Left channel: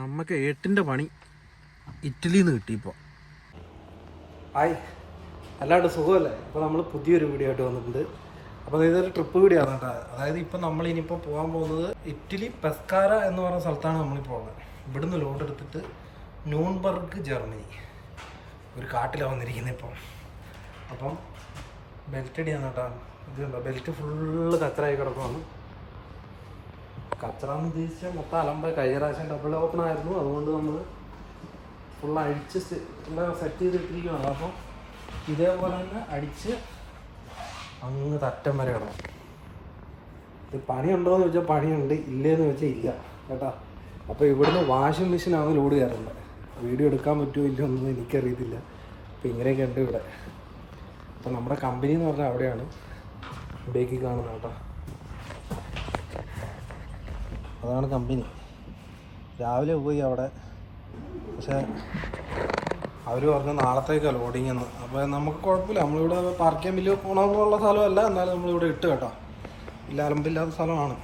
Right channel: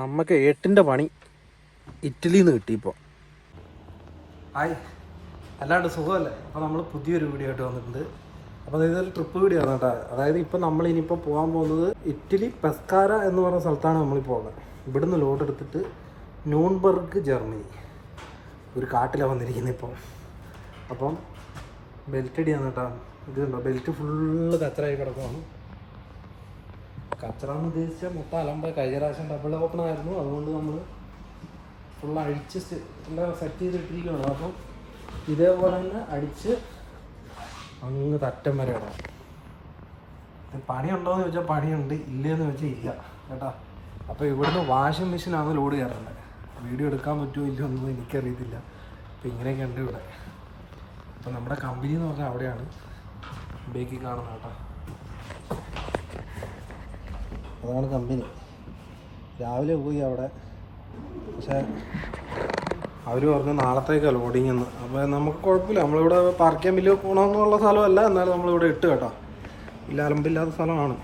നമുക്ക് ഏട്ടിന്റെ പണി ഇറ്റലിയിൽ നിന്ന് കിട്ടി ഇപ്പോൾ ഹായ് എല്ലാവരും സുഖമല്ലേ? അപ്പോൾ നമ്മൾ പുതിയൊരു വീഡിയോ ആയിട്ട് വന്നിട്ടുണ്ട്. അപ്പോൾ ഇതൊരു ട്രിപ്പ് വീഡിയോ ആണ് കേട്ടോ. അതായത് ഇപ്പം നമ്മൾ ഇനിയിപ്പോൾ പോകാൻ പോകുന്നത് ഇറ്റലി പെസ്കാര എന്ന് പറഞ്ഞ സ്ഥലത്താണ് നമ്മളിപ്പോൾ പോകുന്നത് ഇവിടുന്ന് ലോഡ് എടുത്തിട്ട് ന്യൂൺബർഗ് ജർമ്മനി. ഒരു കാട്ടിലാണ് വന്നിരിക്കുന്നത് ഇപ്പം. അപ്പം ബെൽറ്റ് അടിയാണ് കേട്ടോ. ഇത് കണ്ടോ? ബെൽറ്റ് ഫുള്ള് കച്ചറായി കിടക്കുന്നു കച്ചറാന്ന് ഉദ്ദേശിച്ച മൊത്തം അലമ്പ കഴിഞ്ഞ പ്രാവശ്യം ഡബിൾ ഓപ്പണായിരുന്നു അതുകൊണ്ട് നമ്മൾ ഫുൾ അടിച്ച് സെറ്റ് ചെയ്തിട്ടിരിക്കുകയാണ് അപ്പം ഇതേപോലെ തന്നെ അടിച്ച് അങ്ങ് തറ്റം വരെ വരെയാണ് ഇത് പണിയുണ്ടോ എന്ന് ചോദിച്ചാൽ പണിയുണ്ട്. ഇല്ലയെന്ന് ചോദിച്ചാൽ ഇല്ല. കേട്ടോ? അപ്പോൾ ഇവിടുന്ന് വാഷിംഗ് മെഷീനാണ് ലോഡ് കയറുന്നത്. വീഡിയോ എടുക്കാൻ പറ്റുമോ ഇല്ല എന്നൊന്നും എനിക്കറിയത്തില്ല. അപ്പോൾ ഇങ്ങനെയൊക്കെ ഉണ്ട് ഇവിടെ. അപ്പോൾ നമ്മുടെ കമ്പനി എന്ന് പറഞ്ഞാൽ അവിടെയാണ് ഇവിടേക്ക് കാണുന്നത് കേട്ടോ. അതാണ് കമ്പനി. രാവിലെ പോയി അവിടെ. പക്ഷേ അവർ പറഞ്ഞു നാളത്തേക്കാണ് ലോഡിങ് എന്ന്. അപ്പോൾ നമുക്ക് കുഴപ്പമില്ല. നമ്മളിവിടെ പാർക്ക് ചെയ്യാൻ വലിയ ഗുണമൊന്നുമുള്ള സ്ഥലമല്ല. എന്നാലും നമ്മളിവിടെ ഇട്ട് കേട്ടോ. ഇല്ല അലമ്പില്ലാത്ത സ്ഥലമാണ്.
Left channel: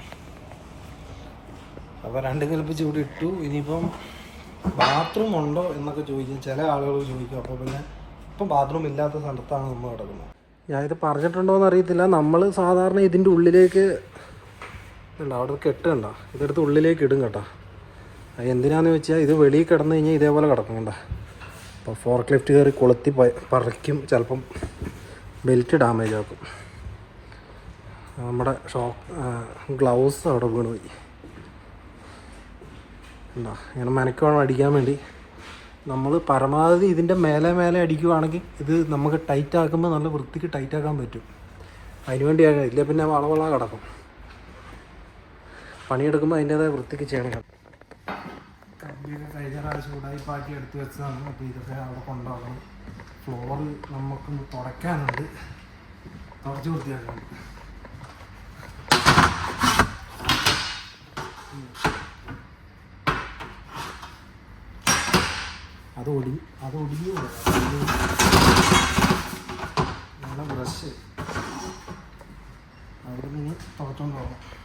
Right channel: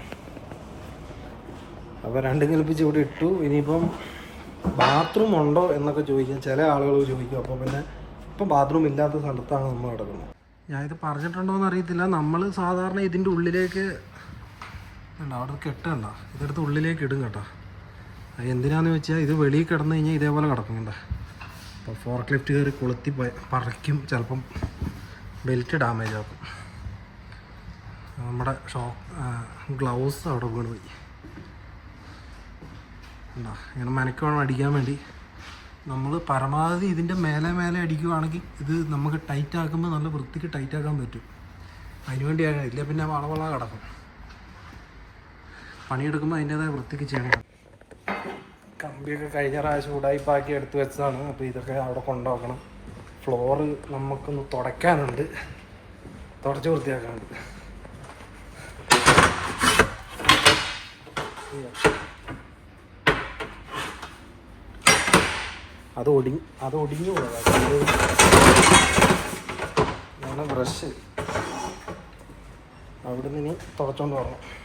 അപ്പോൾ രണ്ട് കൽപ്പിച്ച് ഇവിടെ ഇട്ടു. ഇനിയിപ്പം ബാത്റൂം ഉണ്ടോ എന്നൊക്കെ ചോദിക്കാം ചില ആളുകൾ ചോദിക്കും. അപ്പോൾ പിന്നെ ഇപ്പം ബാത്റൂം ഇല്ലാത്ത സ്ഥലത്താണ് നമ്മൾ കിടക്കുന്നത്. ഞാനിത് പറഞ്ഞിട്ടുണ്ടോ എന്ന് അറിയത്തില്ല. നമ്മൾ സാധാരണ ഇതിന്റെ ഉള്ളിലേക്ക് ഉണ്ട് അവിടെ കെട്ടണ്ട ഇതെടുത്ത് ഉള്ളിലേക്ക് ഇടും കേട്ടോ. അത് എന്തിനാണെന്ന് വെച്ചാൽ ഇത് വെളിയിൽ കിടന്നു കഴിഞ്ഞാൽ ഇതേപോലെ കിടക്കും കണ്ട? അപ്പോൾ ഫോർക്ക് ലിഫ്റ്റ് കയറി കൊളുത്തി പറിക്കും ചിലപ്പം ബെൽറ്റ് ഡാമേജ് ആക്കും. നമ്മുടെ ഷോ ഗ്ലൗസ് അവിടെ വീണ് പോയി. എന്താ ഇങ്ങനെ മനക്കുവേണം അടിക്കാൻ വേണ്ടി. നമ്മൾ പരമാവധി ഇതിന്റെ മേലെ മേലെ അടിക്കുവാണെങ്കിൽ ഇത് നമുക്ക് ടൈറ്റ് ആക്കുമ്പോൾ നല്ല വൃത്തിക്ക് ടൈറ്റ് ആക്കാൻ പറ്റും. അതിനുവേണ്ടിയാണ് ഇല്ല പിന്നെ വളവള കിടക്കും. പണിയെടുക്കുമ്പോൾ അതിന്റെതായ വൃത്തിക്ക് ചെയ്യണം. കമ്പിയൊക്കെ കഴിഞ്ഞ പ്രാവശ്യം ഉടായിപ്പാക്കി എടുത്ത് വെച്ചതാണ്. അപ്പോൾ ഇതൊക്കെ അവിടെ കൊണ്ടുപോകണം. ഫ്ലോറ് നമുക്കൊന്ന് തുടയ്ക്കാനുണ്ട്. തുടച്ച് വൃത്തിയാക്കാനുണ്ട്. അത് ഒടിഞ്ഞ് അത് ഒടിഞ്ഞു പോയതാണ് ബ്രഷ് അവിടെ നിന്ന് തുടച്ചോണ്ട് വരണം.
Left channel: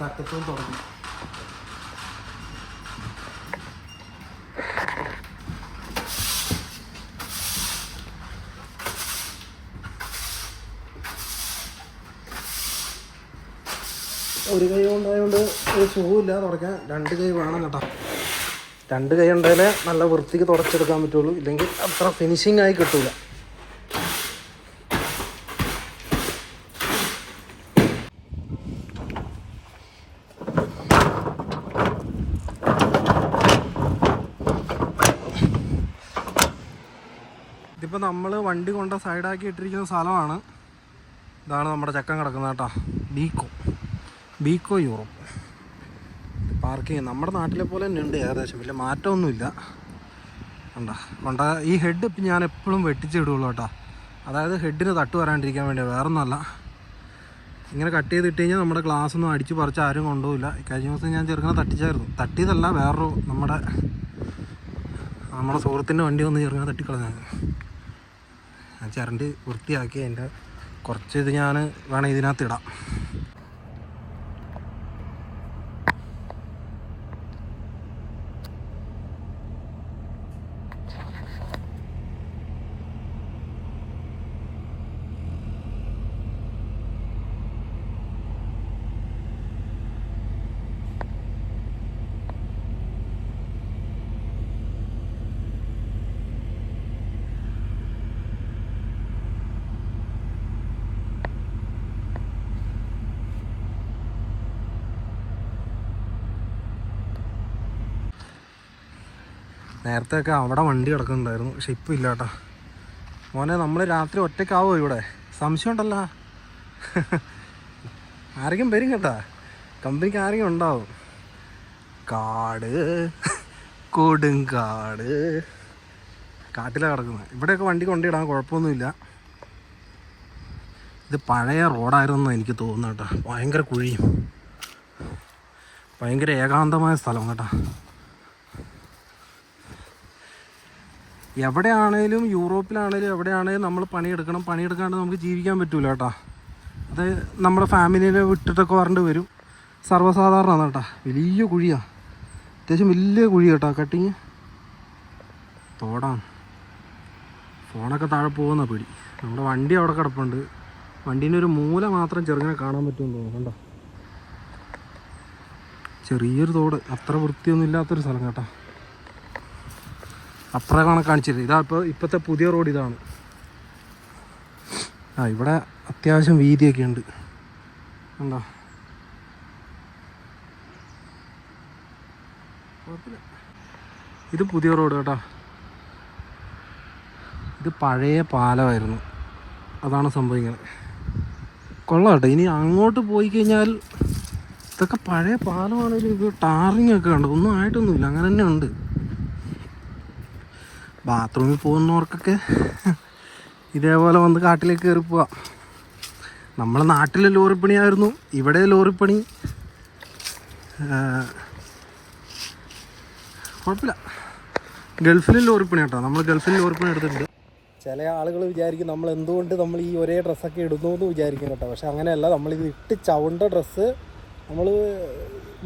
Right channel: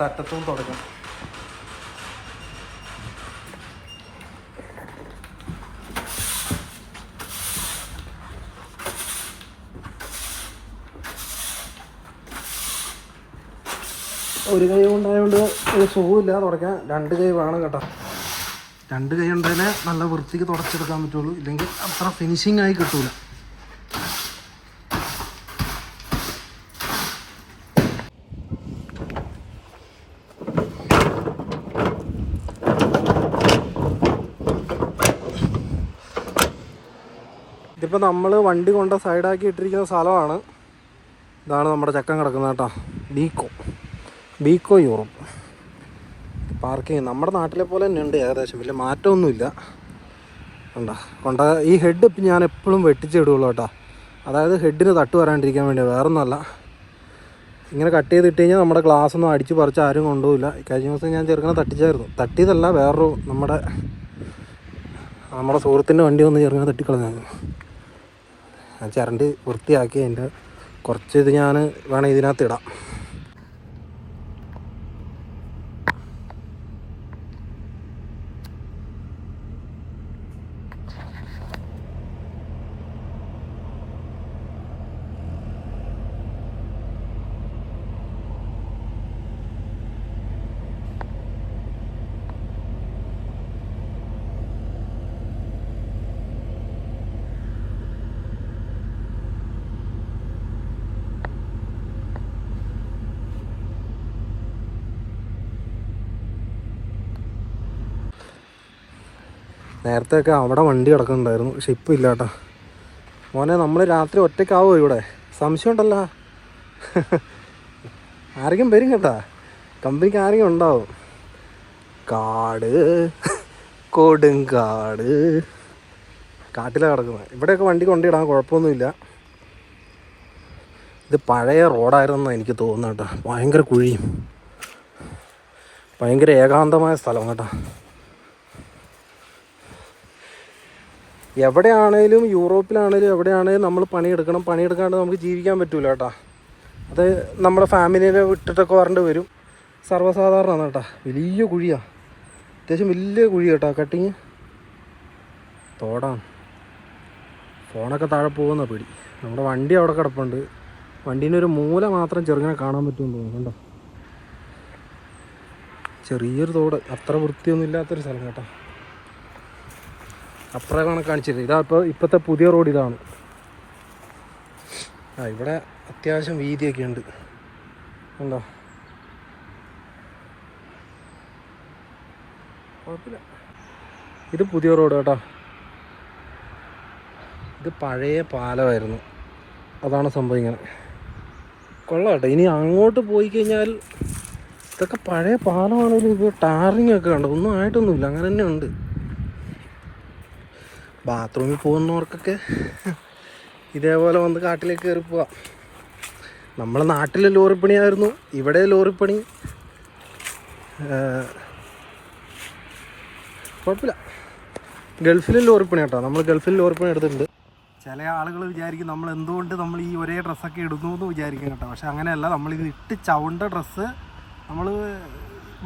തട്ടത്തും തുടങ്ങും. ഒരു കൈ ഉണ്ടായതുകൊണ്ട് ഒരു സുഖമില്ല തുടയ്ക്കാൻ രണ്ട് കൈ വേണം കേട്ടോ. രണ്ട് കൈ ഉണ്ടെങ്കിൽ നല്ല വൃത്തിക്ക് തുടച്ചെടുക്കാൻ പറ്റുള്ളൂ. ഇല്ലെങ്കിൽ അത്ര ഫിനിഷിംഗ് ആയി കിട്ടൂല. ഇതിപ്പോൾ നമ്മൾ വണ്ടി കൊണ്ട സൈഡാക്കി ഇട്ടിരിക്കുന്ന സ്ഥലമാണ്. ഇതാണ് നമ്മുടെ ചക്കൻ കിടക്കുന്നത് കേട്ടോ. ബീക്കോ. Biko Europe. പാർക്കിങ് നമ്മുടെ നാട്ടിലെ പോലെ തന്നെ ഉണ്ട്. ഏകദേശം വലിയ മാറ്റമൊന്നുമില്ല. കണ്ട? കൊണ്ട ഈ ഹെഡ് ഇപ്പം ഞാൻ എപ്പോഴും വെട്ടിച്ചിടുള്ളൂ കേട്ടോ. അതായത് ഹെഡിന് തട്ട് വരാണ്ടിരിക്കാൻ വേണ്ടി വേറൊന്നുമല്ല. ഇങ്ങനെ കട്ട് ചെയ്തിട്ട് കഴിഞ്ഞാൽ നമ്മുടെ ഗ്ലാസ് ഒന്നും അടിച്ച് പറിച്ച് ആരും കൊണ്ടുപോയില്ല കഴിഞ്ഞ ദിവസം ഞാൻ ചെറുങ്ങനെ തട്ടിച്ചായിരുന്നു. തട്ടിയതല്ല വേറൊരു നമ്മുടെ നമ്മുടെ സുഹൃത്തിന്റെ വണ്ടി ഒന്ന് ചെറുങ്ങനെ തട്ടിക്കളഞ്ഞായിരുന്നു. ഞാൻ ചരണ്ട് വൃത്തിയാക്കി അതിന്റെ കുറച്ച് ഇത് ഞാൻ വേണം ഇതിനകത്ത് ഇടാം. നേരത്തെ ഒക്കെ അവിടെ വണ്ടി കിടക്കുന്നുണ്ടായിരുന്നു. പക്ഷെ ഇപ്പം ഇല്ല കേട്ടോ. മോനെ നമ്മൾ രാത്രി ഒറ്റയ്ക്കാവോ ഇവിടെ? സംശയം ഉണ്ടല്ല ആരെങ്കിലും വരും കേട്ടാ. കമ്പനിക്ക് ആരെങ്കിലും ഉണ്ടാവും. കാട് കൊടുങ്കാട് കാട്ടിലാണ് കിടക്കുന്നത് ഇവിടെയൊക്കെ വണ്ടി കൊണ്ടിടാൻ കുഴപ്പമൊന്നുമില്ല. ഇത് പഴയ റോഡായിരുന്നു എനിക്ക് തോന്നുന്നു കേട്ടോ. ഭയങ്കര കുഴിയും. ഭയങ്കര ഏകാന്തമായ സ്ഥലം കേട്ടോ. എവിടെയാണേലും യൂറോപ്പിലാണേലും എവിടെയാണേലും നമ്മൾ പണിയെടുക്കണം. പണിയെടുക്കാണ്ട് നമുക്ക് ജീവിക്കാൻ പറ്റൂല കേട്ടോ. അത് നമ്മുടെ ഫാമിലിനെ വിട്ടിട്ടൊക്കെ വരേണ്ടി വരും. സർവസാധാരണമാണ് കേട്ടോ. വലിയ കുഴിയാ. അത്യാവശ്യം വലിയ കുഴി കേട്ടോ. കട്ടിങ്. തോടാണ്. ഫോണൊക്കെ താഴെ പോകുന്ന പിടി. നമ്മുടെ വണ്ടി അവിടെ കിടപ്പുണ്ട്. വണ്ടീന്റെ ഒരു മൂല മാത്രം ചെറുങ്ങനെ കാണാൻ പറ്റുമെന്ന് കേട്ടോ. ചെറിയൊരു തോട്. അത്ര വൃത്തിയൊന്നും ഇല്ലാത്തൊരു സ്ഥലം കേട്ടോ. അപ്പുറമാണ് കാണിച്ചത് ഇതാ ഇപ്പോൾ ഇപ്പോഴത്തെ പുതിയ റോഡ് ഇതാണ്. ആ ഇവിടെ അത്യാവശ്യം വീതിയൊക്കെ ഉണ്ട്. കുഴപ്പമില്ല. ഇത് പുതിയ റോഡ് കേട്ടോ. ഇത് പഴയ പാലമായിരുന്നു. അതാണ് സംഭവം ഇങ്ങനെ. കൊള്ളാം കേട്ടോ. ഇനി അങ്ങോട്ട് പോയി കഴിഞ്ഞാൽ ഇതൊക്കെ പഴയ പാലമാണെങ്കിലും ഇത് ടാറിങ് ഒക്കെ കണ്ടോ? ഒന്നും ആയിട്ടൊന്നുമില്ല. അങ്ങനെ തന്നെ ഉണ്ട്. ബാത്റൂമിൽ പോകുന്നവർക്കൊക്കെ ഇതേപോലെ വന്ന് കാട്ടിലേക്ക് കയറി പോവാം. നമ്മളെ നാട്ടിൽ ലോറിപ്പണിയായിരുന്നു ഇവിടെ ലോറിപ്പണി. കുഴപ്പമില്ല. ഗൾഫിലും ലോറിപ്പണി കേട്ടോ. നമ്മൾ ഗൾഫിൽ ലോറിപ്പണി എടുത്തിട്ടുണ്ട്. ചില ആളുകൾ വിചാരിക്കും നമ്മൾ എന്തുകൊണ്ട് നമ്മൾ ഈ ഒരേ ഡ്രസ്സൊക്കെ ഇടുന്നു എന്ന് വിചാരിക്കും കേട്ടോ. പക്ഷെ അങ്ങനെയല്ല നമ്മളിത് ഇട്ട് ചവിണ്ട ഡ്രസ്സ് നമ്മൾ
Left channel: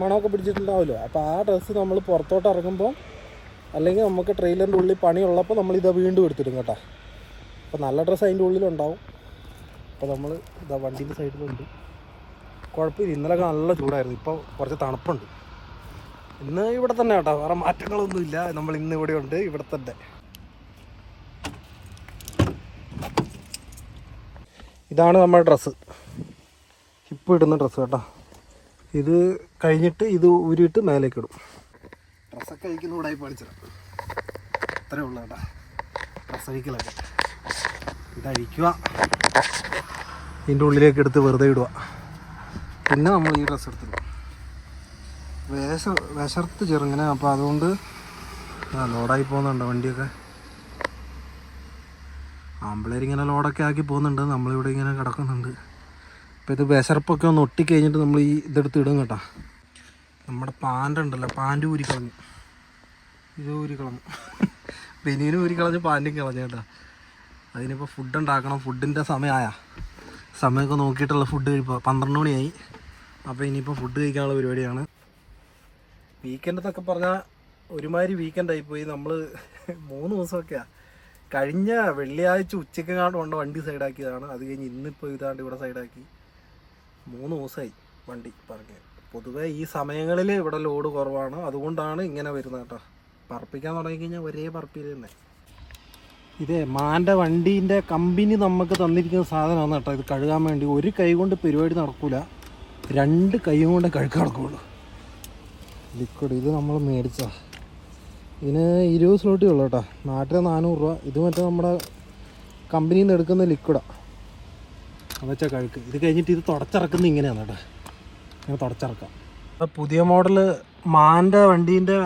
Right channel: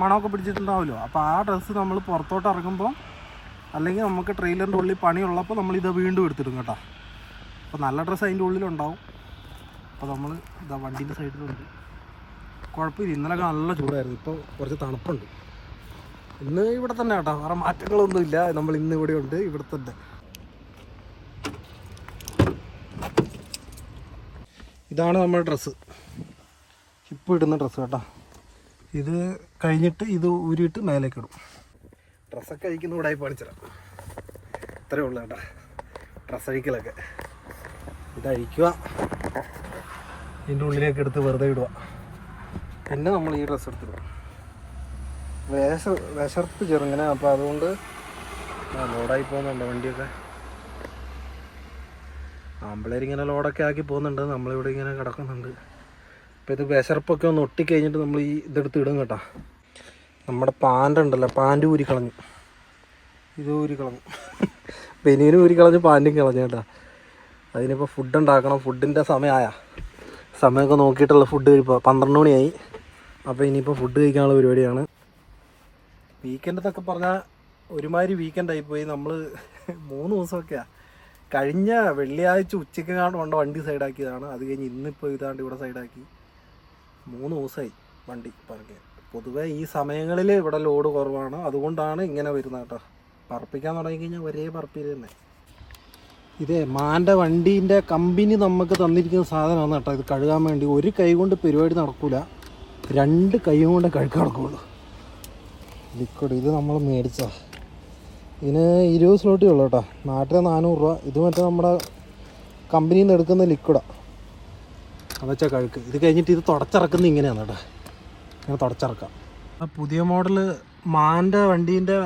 മണമൊക്കെ പിടിച്ചിട്ടുണ്ടാവുമല്ലോ. അപ്പോൾ ആ ഡ്രസ്സ് നമ്മൾ പുറത്തോട്ട് ഇറങ്ങുമ്പോൾ അല്ലെങ്കിൽ നമുക്ക് ട്രെയിലറിന്റെ ഉള്ളിൽ പണിയുള്ളപ്പോൾ നമ്മൾ ഇത് വീണ്ടും എടുത്തിടും കേട്ടോ. അപ്പോൾ നല്ല ഡ്രസ്സ് അതിന്റെ ഉള്ളിലുണ്ടാവും. അപ്പോൾ നമ്മൾ ഇതാ വണ്ടീന്റെ സൈഡിലുണ്ട്. കുഴപ്പമില്ല ഇന്നലെയൊക്കെ നല്ല ചൂടായിരുന്നു. ഇപ്പോൾ കുറച്ച് തണുപ്പുണ്ട്. ഇന്ന് ഇവിടെ തന്നെ കേട്ടോ വേറെ മാറ്റങ്ങളൊന്നുമില്ല നമ്മൾ ഇന്ന് ഇവിടെ ഉണ്ട് ഇവിടെ തന്നെ. ഇതാണ് നമ്മുടെ ഡ്രസ്സ്. ഹിപ്പ് ഇടുന്ന ഡ്രസ്സ് കേട്ടോ. ഇത് കഴിഞ്ഞിട്ട് ഇത് ഊരിയിട്ട് മേലേക്ക് ഇടും. ഡ്രസ്സൊക്കെ അഴിക്കുന്ന കൂടെ പഠിച്ചിടാം അത്രേ ഉള്ളൂ കേട്ടോ. ഡ്രസ്സ് അഴിക്കലൊക്കെ. ഇത് അഴിക്കുക ഇതിന്റെ ഉള്ളിലേക്ക് എടുത്ത് വെറുതെ ഇടുക പിന്നെ നമ്മൾ ഈ ഡ്രസ്സ് എടുത്തിടും. വേഷ വിശർത്ത് ചെറുങ്ങനെ. അപ്പോൾ അതുകൊണ്ട് ആ ലോഡായി പോകുന്നുണ്ട് വണ്ടിയൊക്കെ. ആമ്പിളേർ ഇങ്ങനെ ലോഡൊക്കെ ആക്കി പോകുന്നുണ്ട്. നമ്മളിവിടെ ഇങ്ങനെ കിടക്കുന്നുണ്ട്. അപ്പോൾ ഇത് വിശർപ്പൊക്കെ ഒന്ന് ഒട്ടിക്കഴിഞ്ഞിട്ട് നമ്മൾ ഈ ഇതെടുത്ത് ഇടും കേട്ടോ. നമ്മുടെ പാന്റ് ഉണ്ടല്ലോ പാന്റ് ഊരി ഇത് ഊരി കളഞ്ഞു. ബനിയനും ഊരി കളഞ്ഞ് പാന്റും കളഞ്ഞു കേട്ടോ. അതിനിപ്പോൾ ഫുഡ് ഉണ്ടാക്കണം ഫുഡിന്റെ സമയമായ സമയമൊക്കെ നോക്കിയിട്ടുള്ള ഫുഡ് ഇപ്പോൾ പന്ത്രണ്ട് മണിയായി. അപ്പോൾ ഇനിയിപ്പോൾ ഫുഡ് കഴിക്കാനുള്ള പരിപാടിയാണ്. വീക്കെൻഡ് എന്നൊക്കെ പറഞ്ഞാൽ ഒരുമാതിരി വീക്കെൻഡായി പോയി നമ്മൾ മൂന്ന് ദിവസമൊക്കെയാണ് കഴിഞ്ഞ വെള്ളിയാഴ്ച ഉച്ചയ്ക്ക് കാണും കൊണ്ട് വണ്ടി സൈഡാക്കിയതാണ് അത് കഴിഞ്ഞ് ഇന്നിപ്പോൾ ഇതാണ്ട് ഇവിടെ സൈഡാക്കി മൂന്ന് ദിവസമായി വണ്ടി പറഞ്ഞ് പൊതുവേ ഈ സമയങ്ങളിൽ ഇവിടെ ലോഡ് കുറവാണ്. അതുകൊണ്ടാണ് ഇങ്ങനെ വരുന്നത് കേട്ടോ. പറപ്പിക്കാൻ തുടങ്ങിക്കഴിഞ്ഞാൽ ഒരേ പറപ്പിൽ തന്നെ. ഇതേ മാന്റെ വണ്ടീന്റെ കമ്പനി നമുക്ക് തന്നിരിക്കുന്ന സാധനമാണ് കേട്ടോ. ഇത് കഴുകാൻ വേണ്ടി ഒരു കൈ കൊണ്ട് പരിപാടി നടക്കൂല. രണ്ട് കൈയും കൊണ്ട് കഴുകാൻ നടക്കുള്ളൂ. ലിക്വിഡ് ഇത് നമ്മൾ മേടിച്ച ഇതിന് ഇരുപത് സ്ലോട്ടേ ഉള്ളൂ കേട്ടോ. നാട്ടിലെ നാനൂറ് രൂപ. ഇത് മറ്റേ നമ്മുടെ കമ്പനിയിൽ നിന്ന് എടുക്കുന്ന ലിക്വിഡാണ് അതെച്ചാൽ കഴുക്ക്. ഇത് കഴിഞ്ഞിട്ട് ഇത് തുടച്ചിറക്കുന്നത് ഇങ്ങനെയാണ് കേട്ടോ. ഇങ്ങനെ തുടച്ചിറക്കാം. പുതിയ മോഡൽ മാന്റെ വണ്ടീന്റെ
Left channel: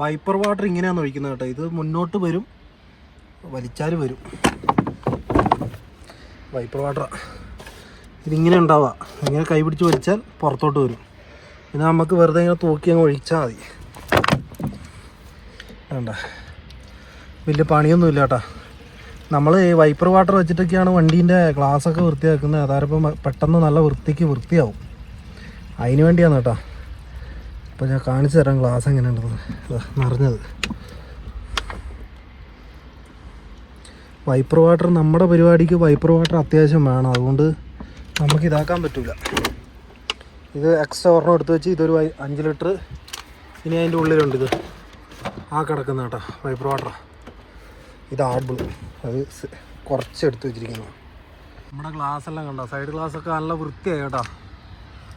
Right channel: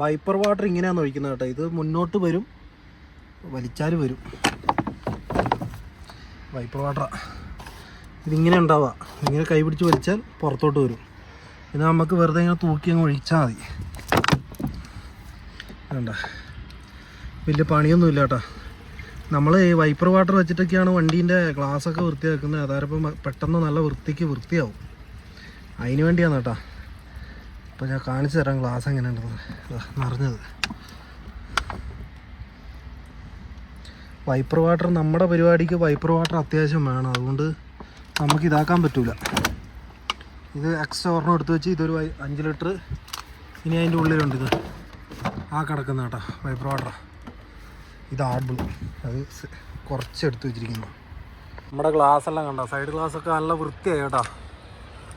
വൈപ്പർ വാട്ടർ ഇങ്ങനെയാണ് ഒഴിക്കുന്നത് കേട്ടോ. ഇത് മുന്നോട്ട് വരും വലിച്ചാൽ വരും. വൈപ്പർ വാട്ടർ ഇതിങ്ങനെ ഉണ്ടാവുക ഇങ്ങനെ കൈ പിടിച്ച് വലിച്ചാൽ പുറത്തോട്ട് വരും. പിന്നെ നമുക്ക് വെറുതെ ഇങ്ങനെ തൂക്കി അങ്ങ് ഒഴിച്ചാൽ മതി. വേണ്ട. വലിയ പണിയൊന്നും ഇല്ല കേട്ടോ. നമ്മൾ ഈ വൈപ്പർ വാട്ടർ വെച്ചിട്ടൊക്കെയാണ് വണ്ടീന്റെ ഗ്ലാസ്സൊക്കെ വൃത്തിയാക്കുന്നത്. അതാരപ്പം പെട്ടെന്ന് നല്ല വൃത്തിക്ക് വൃത്തിയാവും. അതിന് വേണ്ടിയാണ് കേട്ടോ. അപ്പോൾ ഞാൻ കാണിച്ചു തരാം ഗ്ലാസ് എങ്ങനെയുണ്ടെന്ന്. നിറഞ്ഞത്. വൈപ്പർ വാട്ടർ നമ്മുടെ പരിപാടിക്ക് വൈപ്പർ വാട്ടർ അത്യാവശ്യം വേണം. അതുകൊണ്ട് നമുക്ക് ഇതാക്കാൻ പറ്റില്ല ഇത് എക്സ്ട്രാ ഒരെണ്ണം എടുത്ത് വെച്ച് ഇതൊരു അഞ്ച് ലിറ്റർ ഇനി അതിന്റെ ഉള്ളിലുണ്ട് ഇത്. ആ കിടക്കുന്ന കേട്ടോ വൈപ്പർ വാട്ടർ ഇത് ആഡ് അത് കുറച്ച് എടുത്ത് വെച്ചിരിക്കുന്നു. നമ്മുടെ ഗ്ലാസ് എല്ലാം കണ്ടോ? സൈഡ് ഗ്ലാസ് ഒക്കെ നല്ല വൃത്തിയായി കേട്ടോ.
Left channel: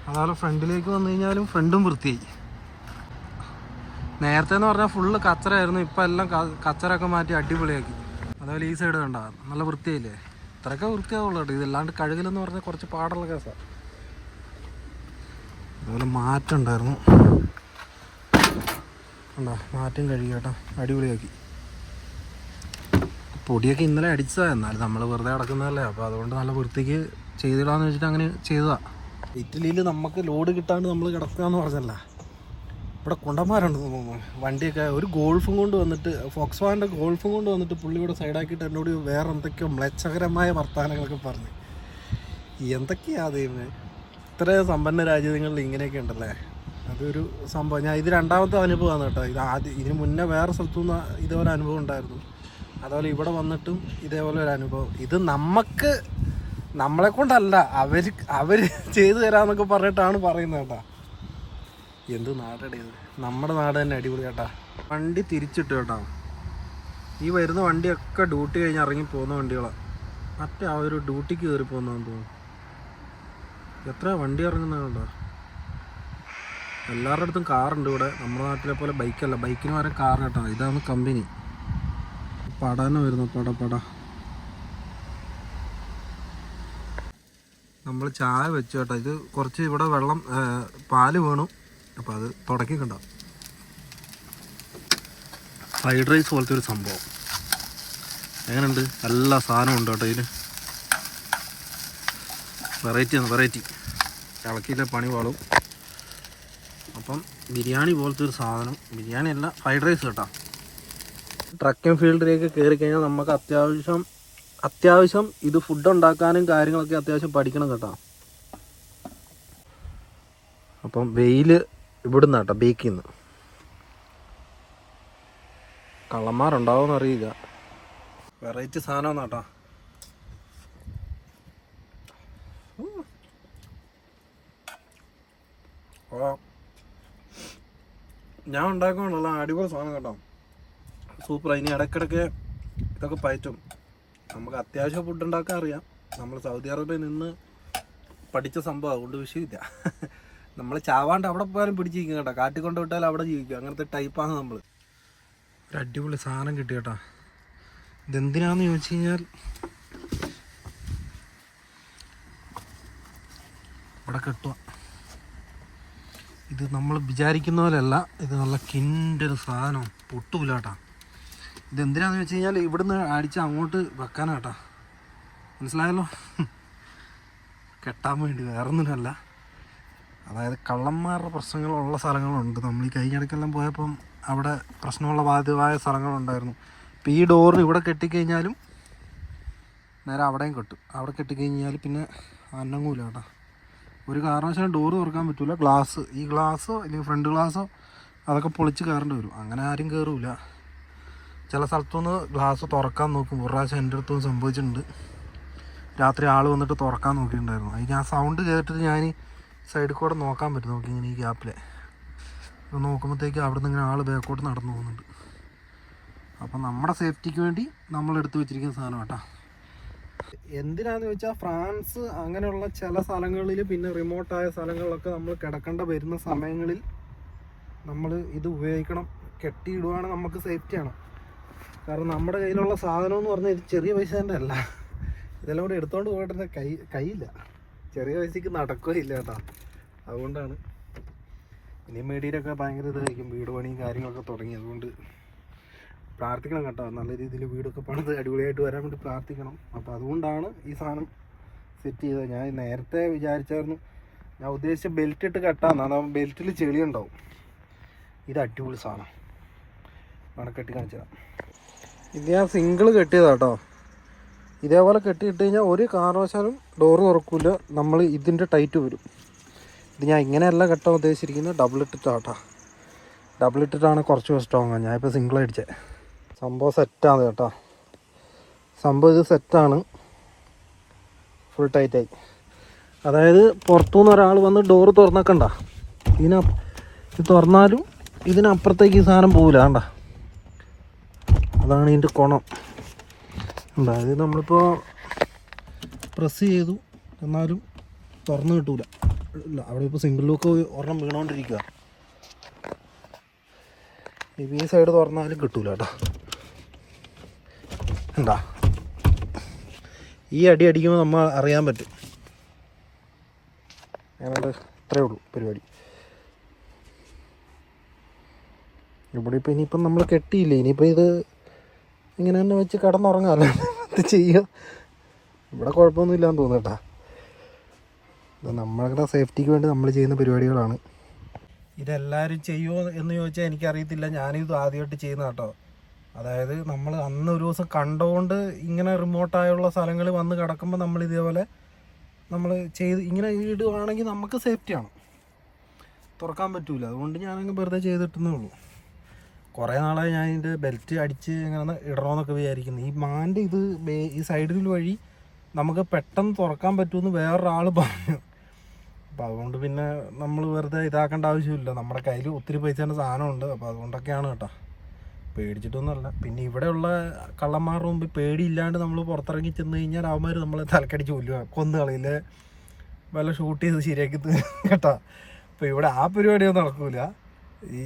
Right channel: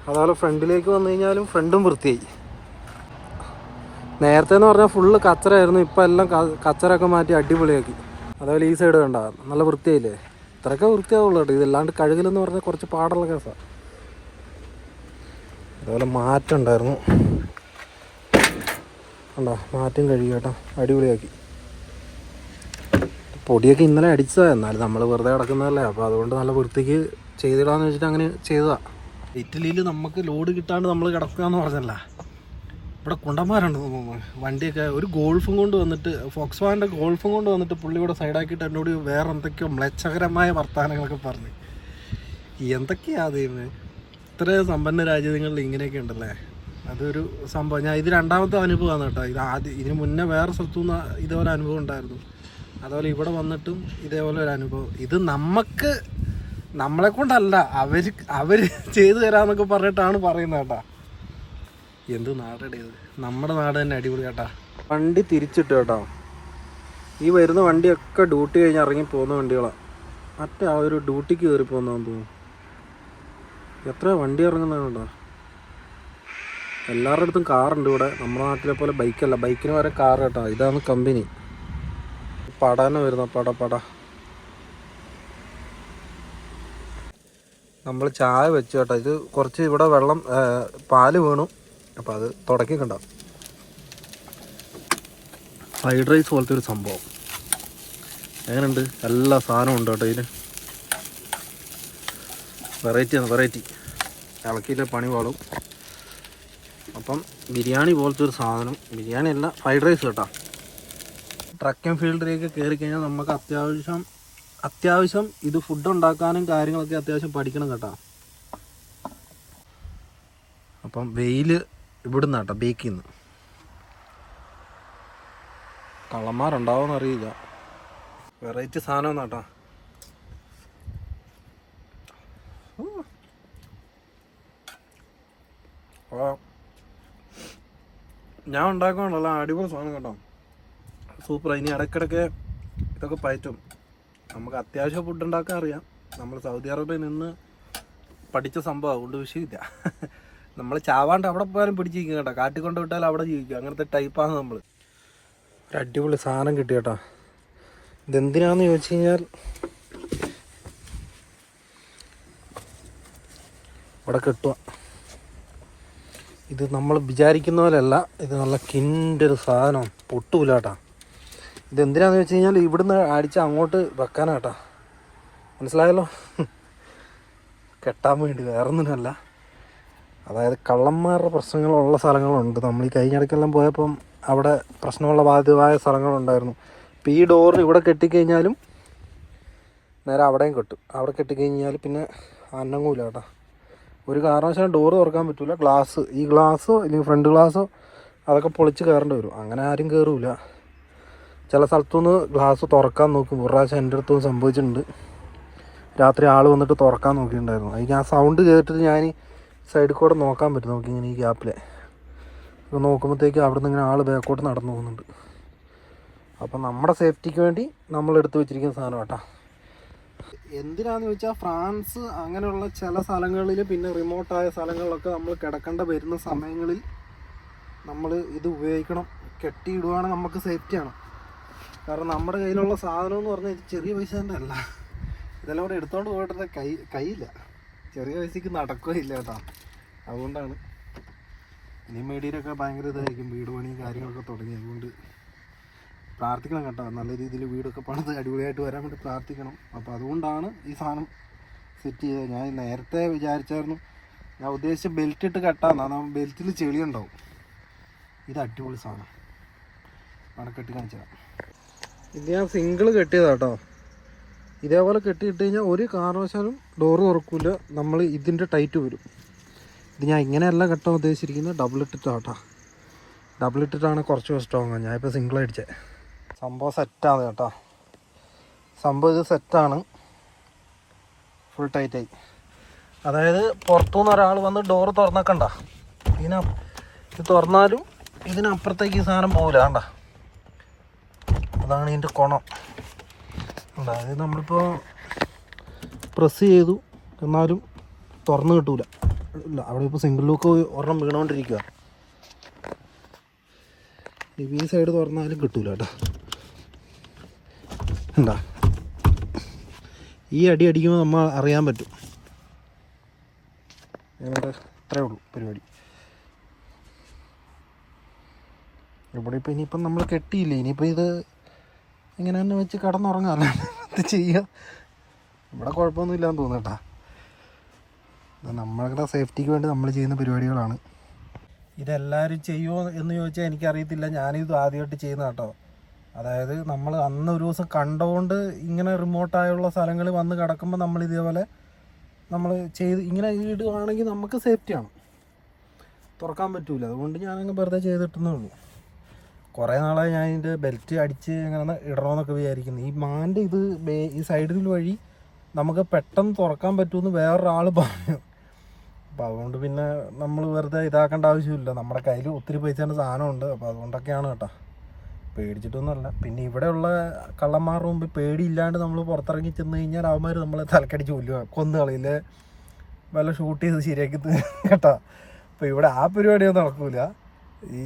അതുപോലെ ഫ്രണ്ടിലേക്ക് വന്നു കഴിഞ്ഞാലും ഫ്രണ്ടും വൃത്തിയായി. നേരത്തെ എന്ന് പറഞ്ഞാൽ ഫുള്ള് കച്ചറായിരുന്നു ഇപ്പം എല്ലാം കച്ചറൊക്കെ മാറ്റി അടിപൊളിയാക്കി. അതുപോലെ ഈ സൈഡ് കണ്ട നല്ല വൃത്തിയായില്ലേ? ഇത്രയൊക്കെ വൃത്തിയാവുള്ളൂ കേട്ടോ. ഇതല്ലാണ്ട് കഴുകലെന്ന് പറഞ്ഞാൽ കുറച്ച് പാടുള്ള കേസാണ് അതുപോലെ മാറ്റം ഉണ്ടായിരുന്നു. കണ്ടോ മാറ്റം കഴുകി കേട്ടോ. അടിപൊളിയാക്കി. പൊടിയൊക്കെ ഇന്നലെ അടിച്ചതാണ് എന്നാലും നമ്മൾ വെറുതെ കിടക്കുന്നതല്ലേ. അപ്പോൾ അതുകൊണ്ട് നല്ല വൃത്തിക്ക് ചെയ്തിടാന്ന് വെച്ചിട്ട് അങ്ങനെ ചെയ്തതാ. ഇറ്റലിയിൽ നമുക്ക് ലോഡ് കിട്ടാണ്ട് നമ്മൾ കിടക്കുക എന്ന് പറഞ്ഞല്ല. ഇവിടെ കുണ്ടന്മാരുണ്ട് തോന്നുന്നു വണ്ടിയൊക്കെ ഒരു ഗോൾഫും കൊണ്ട് വന്നിട്ട് ഫോക്സ് ഗോൾഫും കൊണ്ട് വന്നിട്ട് പുള്ളി ഇവിടെ സൈഡാക്കിയിട്ട് എന്നോട് വേറെ എന്തൊക്കെയോ മ്ലേച്ഛകരമായ വർത്തമാനങ്ങളൊക്കെ പറഞ്ഞ്. എന്തൊക്കെയാ ദൈവമേ ഇത്ര സമ്പന്ന രാജ്യങ്ങളിൽ ഇങ്ങനെയൊക്കെ ഉണ്ടല്ലേ? അതൊരു സംഭവം. ഞാൻ ഇത് രണ്ടാമത്തെ അനുഭവമാണ് കേട്ടോ. ഇത് ആദ്യം ഇതിന് മുന്നേ വേറെ സ്ഥലത്തു നിന്ന് ഇതേപോലെ അനുഭവം ഉണ്ടായിരുന്നു. അതുപോലെ ഇവിടെ വന്നിട്ടും ഇതേപോലെ ഒരു അനുഭവം. ഇത് നമുക്ക് നമ്മളെ കൊണ്ടല്ല അവർ അവർ ചെയ്തു തരാന്നൊക്കെ പറഞ്ഞിട്ടാണ് പറയുന്നത് കേട്ടാ. എന്ത് ഇത്? നമ്മുടെ നാട് തന്നെ അടിപൊളി കേട്ടാ. വണ്ടി തിരിച്ചിട്ട് കേട്ടോ. ഈ വരുന്ന വണ്ടിയൊക്കെ ഡ്യൂട്ടി കഴിഞ്ഞ് ഇറങ്ങി പോകുന്ന വണ്ടികളാണ് മറ്റേ ആ ഒരു ഡ്യൂട്ടിക്ക് കയറി പോകുന്നതെന്ന് തോന്നുന്നു. എത്ര വണ്ടി ഇറങ്ങുന്നതാണോ എല്ലാവരുടെ അടുത്തും കാറുണ്ട് ഇവിടെ. നമ്മുടെ നാട്ടിലെ പോലെ ബൈക്കല്ല ബൈക്കിന് വരെ കാർ കേട്ടോ. ഇതാണ് കമ്പനി പടാനും വരുന്ന. പട പട. നമ്മൾ ചായ വെച്ചു കേട്ടോ. ഇത് കുറച്ച് ഇവിടെ വെള്ളം പാൽ വീണു. അപ്പം അത് തുടക്കി കണ്ട? ഫ്രൈഡ് റൈസ് പോലത്തെ ഒരു സംഭവം. എങ്ങനെയുണ്ട്? എല്ലാ സാധനവും ഉണ്ട് കേട്ടോ ഇതിന് വെറൈറ്റി ആണ് വെറൈറ്റി ഇളക്കിയില്ല പണി പാളും. അപ്പം ബിരിയാണി പോലത്തെ ഒരു സാധനം. ബിരിയാണി അല്ല ഫ്രൈഡ് റൈസ് കേട്ടോ. ട്രക്കിംഗ് ഫീൽഡിലേക്ക് കയറി കഴിഞ്ഞാൽ നമുക്ക് അത്യാവശ്യം അത്യാവശ്യം ഇത് ഫുഡ് ഉണ്ടാക്കാനും കാര്യങ്ങളൊക്കെ അത്യാവശ്യം പഠിക്കണം കേട്ടോ. അപ്പം വെയിൽ ഇവിടുന്ന് കേട്ടോ ബേക്കിൽ നിന്ന് കള്ളന്മാരുണ്ടാവും അറിയില്ല വെറൈറ്റി സാധനം കേട്ടോ ഞാൻ ഉണ്ടാക്കുകയാണല്ലോ അടിപൊളി സാധനം കേട്ടോ. സൂപ്പർ ഇനി ഇടയ്ക്കിടയ്ക്ക് ഇതൊക്കെ പയറ്റും. നമുക്ക് അത്യാവശ്യം ഫുഡ് ഉണ്ടാക്കാൻ അറിയാം. നമ്മൾ സൗദി അറേബ്യയിൽ നിന്ന് പഠിച്ച സംഭവം അതുകൊണ്ട് വിഷയമില്ല. നമ്മൾ ചാവാണ്ട് അവിടെ പോയാലും പിടിച്ചിരിക്കും കേട്ടോ. കാട്ടിൽ കൊണ്ട് അവിടെ ജീവിക്കും. അങ്ങനത്തെ ടൈപ്പാണ് നമ്മൾ ഒരു അടിപൊളി സാധനം കിട്ടി കേട്ടോ. ഇതെന്തിനാന്ന് ചോദിച്ചു കഴിഞ്ഞാൽ ഇവിടെ കിട്ടുക. ഇത് നമ്മൾ വിചാരിക്കുന്ന പോലെയല്ല. ഇത് നല്ല കിന്റെ ഒരു സാധനം. പൊട്ടൂല കേട്ടാ ഇത് എന്തിനാന്ന് വെച്ച് കഴിഞ്ഞാൽ ഇവിടുന്ന് അടിച്ച് അങ്ങോട്ട് വെക്കാനാട്ടാ. മനസ്സിലായല്ലോ? കെട്ടാൻ വേണ്ടി വേറൊന്നിനല്ല. അതായത് കള്ളന്മാരുടെ പ്രശ്നങ്ങളുള്ള സ്ഥലങ്ങളുണ്ട്. നമ്മൾ ഈ കഴിഞ്ഞിടയ്ക്കെല്ലാം പോയപ്പം അവിടെ പ്രശ്നമുള്ള ബാധ്യമായ സ്ഥലങ്ങളുണ്ടായിരുന്നു. ഇപ്പം ഈ ഡോറിന് ഇവിടെ കെട്ടിക്കഴിഞ്ഞാലും നേരെ അവിടെയും കെട്ടും. അവിടെ കെട്ടിക്കഴിഞ്ഞാൽ പിന്നെ അന്നങ്ങൂല കേട്ടോ ഒരു കാരണവശാലും ഡോറ് തുറക്കാൻ പറ്റില്ല ഗ്ലാസ് ഈ ഗ്ലാസ്സോ ഇല്ലെങ്കിൽ ഫ്രണ്ട് ഗ്ലാസ്സോ അതൊക്കെ പൊളിച്ച് കയറേണ്ടി വരും. അങ്ങനെ ആരും കയറൂല. ചില സ്ഥലത്തുനിന്ന് ഗ്ലാസ് തുറക്കാൻ നോക്കും. ഒരു പ്രാവശ്യം എന്റെ അടുത്തും സംഭവിച്ചിട്ടുണ്ട്. രാത്രി ആൾ വന്നിട്ട് തുറക്കാൻ നോക്കിയിട്ടുണ്ടായിരുന്നു. അതിന് ആ സൗണ്ട് കേട്ടിട്ട് ഞാൻ സൈഡിൽ കൂടെ നോക്കാൻ പറ്റും. നോക്കി ഇങ്ങനെ ഈ ഗ്യാപ്പിലെ അപ്പോൾ നോക്കുമ്പോഴത്തേക്ക് അവിടെ നിന്ന് ഇങ്ങനെ ആൾ ബാക്കോട്ട് നടന്നു പോകുന്നുണ്ട്. അപ്പം നമ്മുടെ സേഫ്റ്റിക്ക് വേണ്ടി നമ്മൾ എടുത്തു വെച്ചിരിക്കുന്ന സാധനം കേട്ടോ. എന്തിനാന്ന് ചോദിച്ചാൽ ഫ്രാൻസ് അങ്ങനെയുള്ള ചില സ്ഥലങ്ങളിൽ പിന്നെ റിമോട്ടായ സ്ഥലങ്ങളിലൊക്കെ നമ്മൾ കിടക്കേണ്ട വരുന്ന സമയങ്ങളിൽ നമ്മൾ ഇത് ഉപയോഗിക്കണം. കെട്ടിയിടുവാണെങ്കിൽ നമുക്ക് സേഫ്റ്റിയാണ് കാരണം നമ്മുടെ കയ്യിലുള്ള സാധനം എന്ന് പറഞ്ഞാൽ ഇത് ചെറിയ പൈസ തന്നെ അല്ല. ഇതെല്ലാം കൂടെ എടുത്തോണ്ട് പോയിട്ട് കൈ കൈയില്ല ചെറിയ പൈസക്ക് നടക്കുകയില്ല കേട്ടോ. അതുകൊണ്ടാണ് ഇനി മേടിയിലൊക്കെ ഭയങ്കര ഇതായിരിക്കും വീട് പണിയും കാര്യങ്ങളൊക്കെ തുടങ്ങി. അതുകൊണ്ട് പ്രാർത്ഥിക്കണം കേട്ടോ. നല്ല രീതിയിൽ വീടൊക്കെ പണിത് അടിപൊളിയായിട്ട് വരാൻ വേണ്ടി പ്രാർത്ഥിക്കണം. അപ്പോൾ അതുകൊണ്ടാണ് ഈ സാധനം സെറ്റ് ചെയ്തത്. ഞാൻ നേരത്തെ വിചാരിച്ചായിരുന്നു. ഞാൻ ഉദ്ദേശിച്ച ബെൽറ്റ് ഇട്ട് കെട്ടാന്ന്. അതാകുമ്പോൾ ബെൽറ്റിൽ ചെളി ഉണ്ടാവും ഇത് അടിപൊളി സാധനം. വേണം കെട്ടി കാണിച്ചതാണ് ഇത് ഞാൻ സിംഗിൾ കെട്ടിയതാട്ടോ. ഇതേപോലെ കെട്ടിയിട്ട് കഴിഞ്ഞാൽ ഒരു കാരണവശാലും ഡോറ് തുറക്കില്ല നമ്മൾ ഇതിന്റെ ടൈറ്റ് വരും. ഇത് ഞാൻ ഇങ്ങനെയല്ല കെട്ടാൻ ഉദ്ദേശിച്ചിരിക്കുന്നത് ഡബിൾ ഇട്ടിട്ടാണ് കേട്ടോ ഡബിൾ ഇട്ടിട്ടാണ് കുറച്ച് സ്ട്രോങ് ഞാൻ ഇപ്പോൾ സിംഗിൾ അടിച്ചത് സംഭവം സെറ്റാണ് കേട്ടോ. സംഭവം ഇത് സെറ്റാണ് ഫുൾ ടൈറ്റായി അതായത് പുറത്തുനിന്ന് ഒരാൾ വന്ന് ഡോറ് തുറന്നേക്കണ്ട. ഇതിന ഇത് തുറന്നാലും ഇതിനപ്പുറത്തേക്ക് സാധനം പോകില്ല കണ്ട? അതാണ് ഇതിന്റെ കുണം. അതായത് നമ്മളിപ്പോൾ പ്രസ് ചെയ്തു. എന്നാലും തുറന്ന് കിട്ടൂല. ഇല്ല അവിടെ ഇപ്പോൾ സിംഗിൾ ലൂക്ക് ഒരെണ്ണം വീണുകൊണ്ടിരിക്കുക ഈ സൈഡ് തുറന്നാലും കിട്ടൂല കേട്ടോ. എന്താ ഈ അടി അടിക്കുമ്പോൾ നമ്മൾ അറിയാൻ പറ്റും. ഞങ്ങളുടെ ഇത്രയേ ഉള്ളൂ പരിപാടി. ഇവിടെ ഇപ്പം ഇനിയിപ്പം നമ്മൾ കെട്ടിയില്ലേ? ഇനിയിപ്പോൾ ഇത് ഇങ്ങനെ തന്നെ വെച്ച് കിടന്നുറങ്ങാമല്ലോ ഇത് ചെയ്യുക ഇവിടെ കുഴപ്പമൊന്നുമില്ലാന്ന് തോന്നട്ടാ ഇത് നമ്മളുടെ സേഫ്റ്റിക്ക് വേണ്ടി നമ്മൾ ചെയ്യുന്ന പരിപാടികളാണ്. ഇതെല്ലാവരും ചെയ്യുമോ എന്ന് ചോദിച്ചാൽ എനിക്കറിയത്തില്ല. ഞാനിത് ആദ്യമായിട്ട് ചെയ്യുന്ന കേട്ടോ. അതായത് നമ്മൾ അന്ന് ഒരു ദിവസം കണ്ടുകൊണ്ട് ഇങ്ങനെ റിമോട്ടായുള്ള സ്ഥലങ്ങളിൽ വന്ന് കിടക്കുമ്പോൾ നമ്മൾ ഇതേപോലെ നമ്മൾ ചെയ്ത് ഇങ്ങനെ ഇടുവാണെങ്കിൽ നമുക്ക് സേഫ്റ്റിയാണ് തുറക്കാൻ പറ്റൂല. അതുകൊണ്ട് ഞാനങ്ങ് വെറുതെ ചെയ്തിട്ടെന്നേ ഉള്ളൂ കുറേ നാളായി ഞാൻ ഇതിന്റെ ബെൽറ്റ് അടിച്ച് ഇങ്ങനെ ഇടണമെന്നൊക്കെ വിചാരിക്കുന്നു. ഈ മാന്റെ ഇത് ഈ സൈഡിൽ വഴി നമുക്ക് പെട്ടെന്ന് തുറക്കാൻ പറ്റുമെന്ന് വേറൊരാൾ പറഞ്ഞു. അപ്പോൾ അതുകൊണ്ട് പിന്നെ നമ്മൾ വെറുതെ ഇതാക്കേണ്ട ആവശ്യമില്ല. നമ്മുടെ കയ്യിൽ ഒത്തിരി പൈസേന്റെ സാധനമുണ്ട്. അപ്പോൾ അതുകൊണ്ടൊക്കെയാണ് കേട്ടോ. പേടിച്ചിട്ടൊന്നുമല്ല. പിന്നെ ഇവിടെയുള്ള കള്ളന്മാരുടെ മുമ്പ് പേടിയില്ലാണ്ട് നമ്മൾ പുറത്തിറങ്ങി ചെന്ന് കഴിഞ്ഞാൽ അവന്മാർ നമ്മളെ തലക്കടിച്ച് കൊല്ലുക. കൊന്ന് കളിയിൽ വല്ല ഷൂട്ട് ചെയ്ത് ശരിയാക്കി കേട്ടോ. അപ്പോൾ ഇവിടെ ആ പരിപാടിയൊന്നും നടക്കൂല. ഈ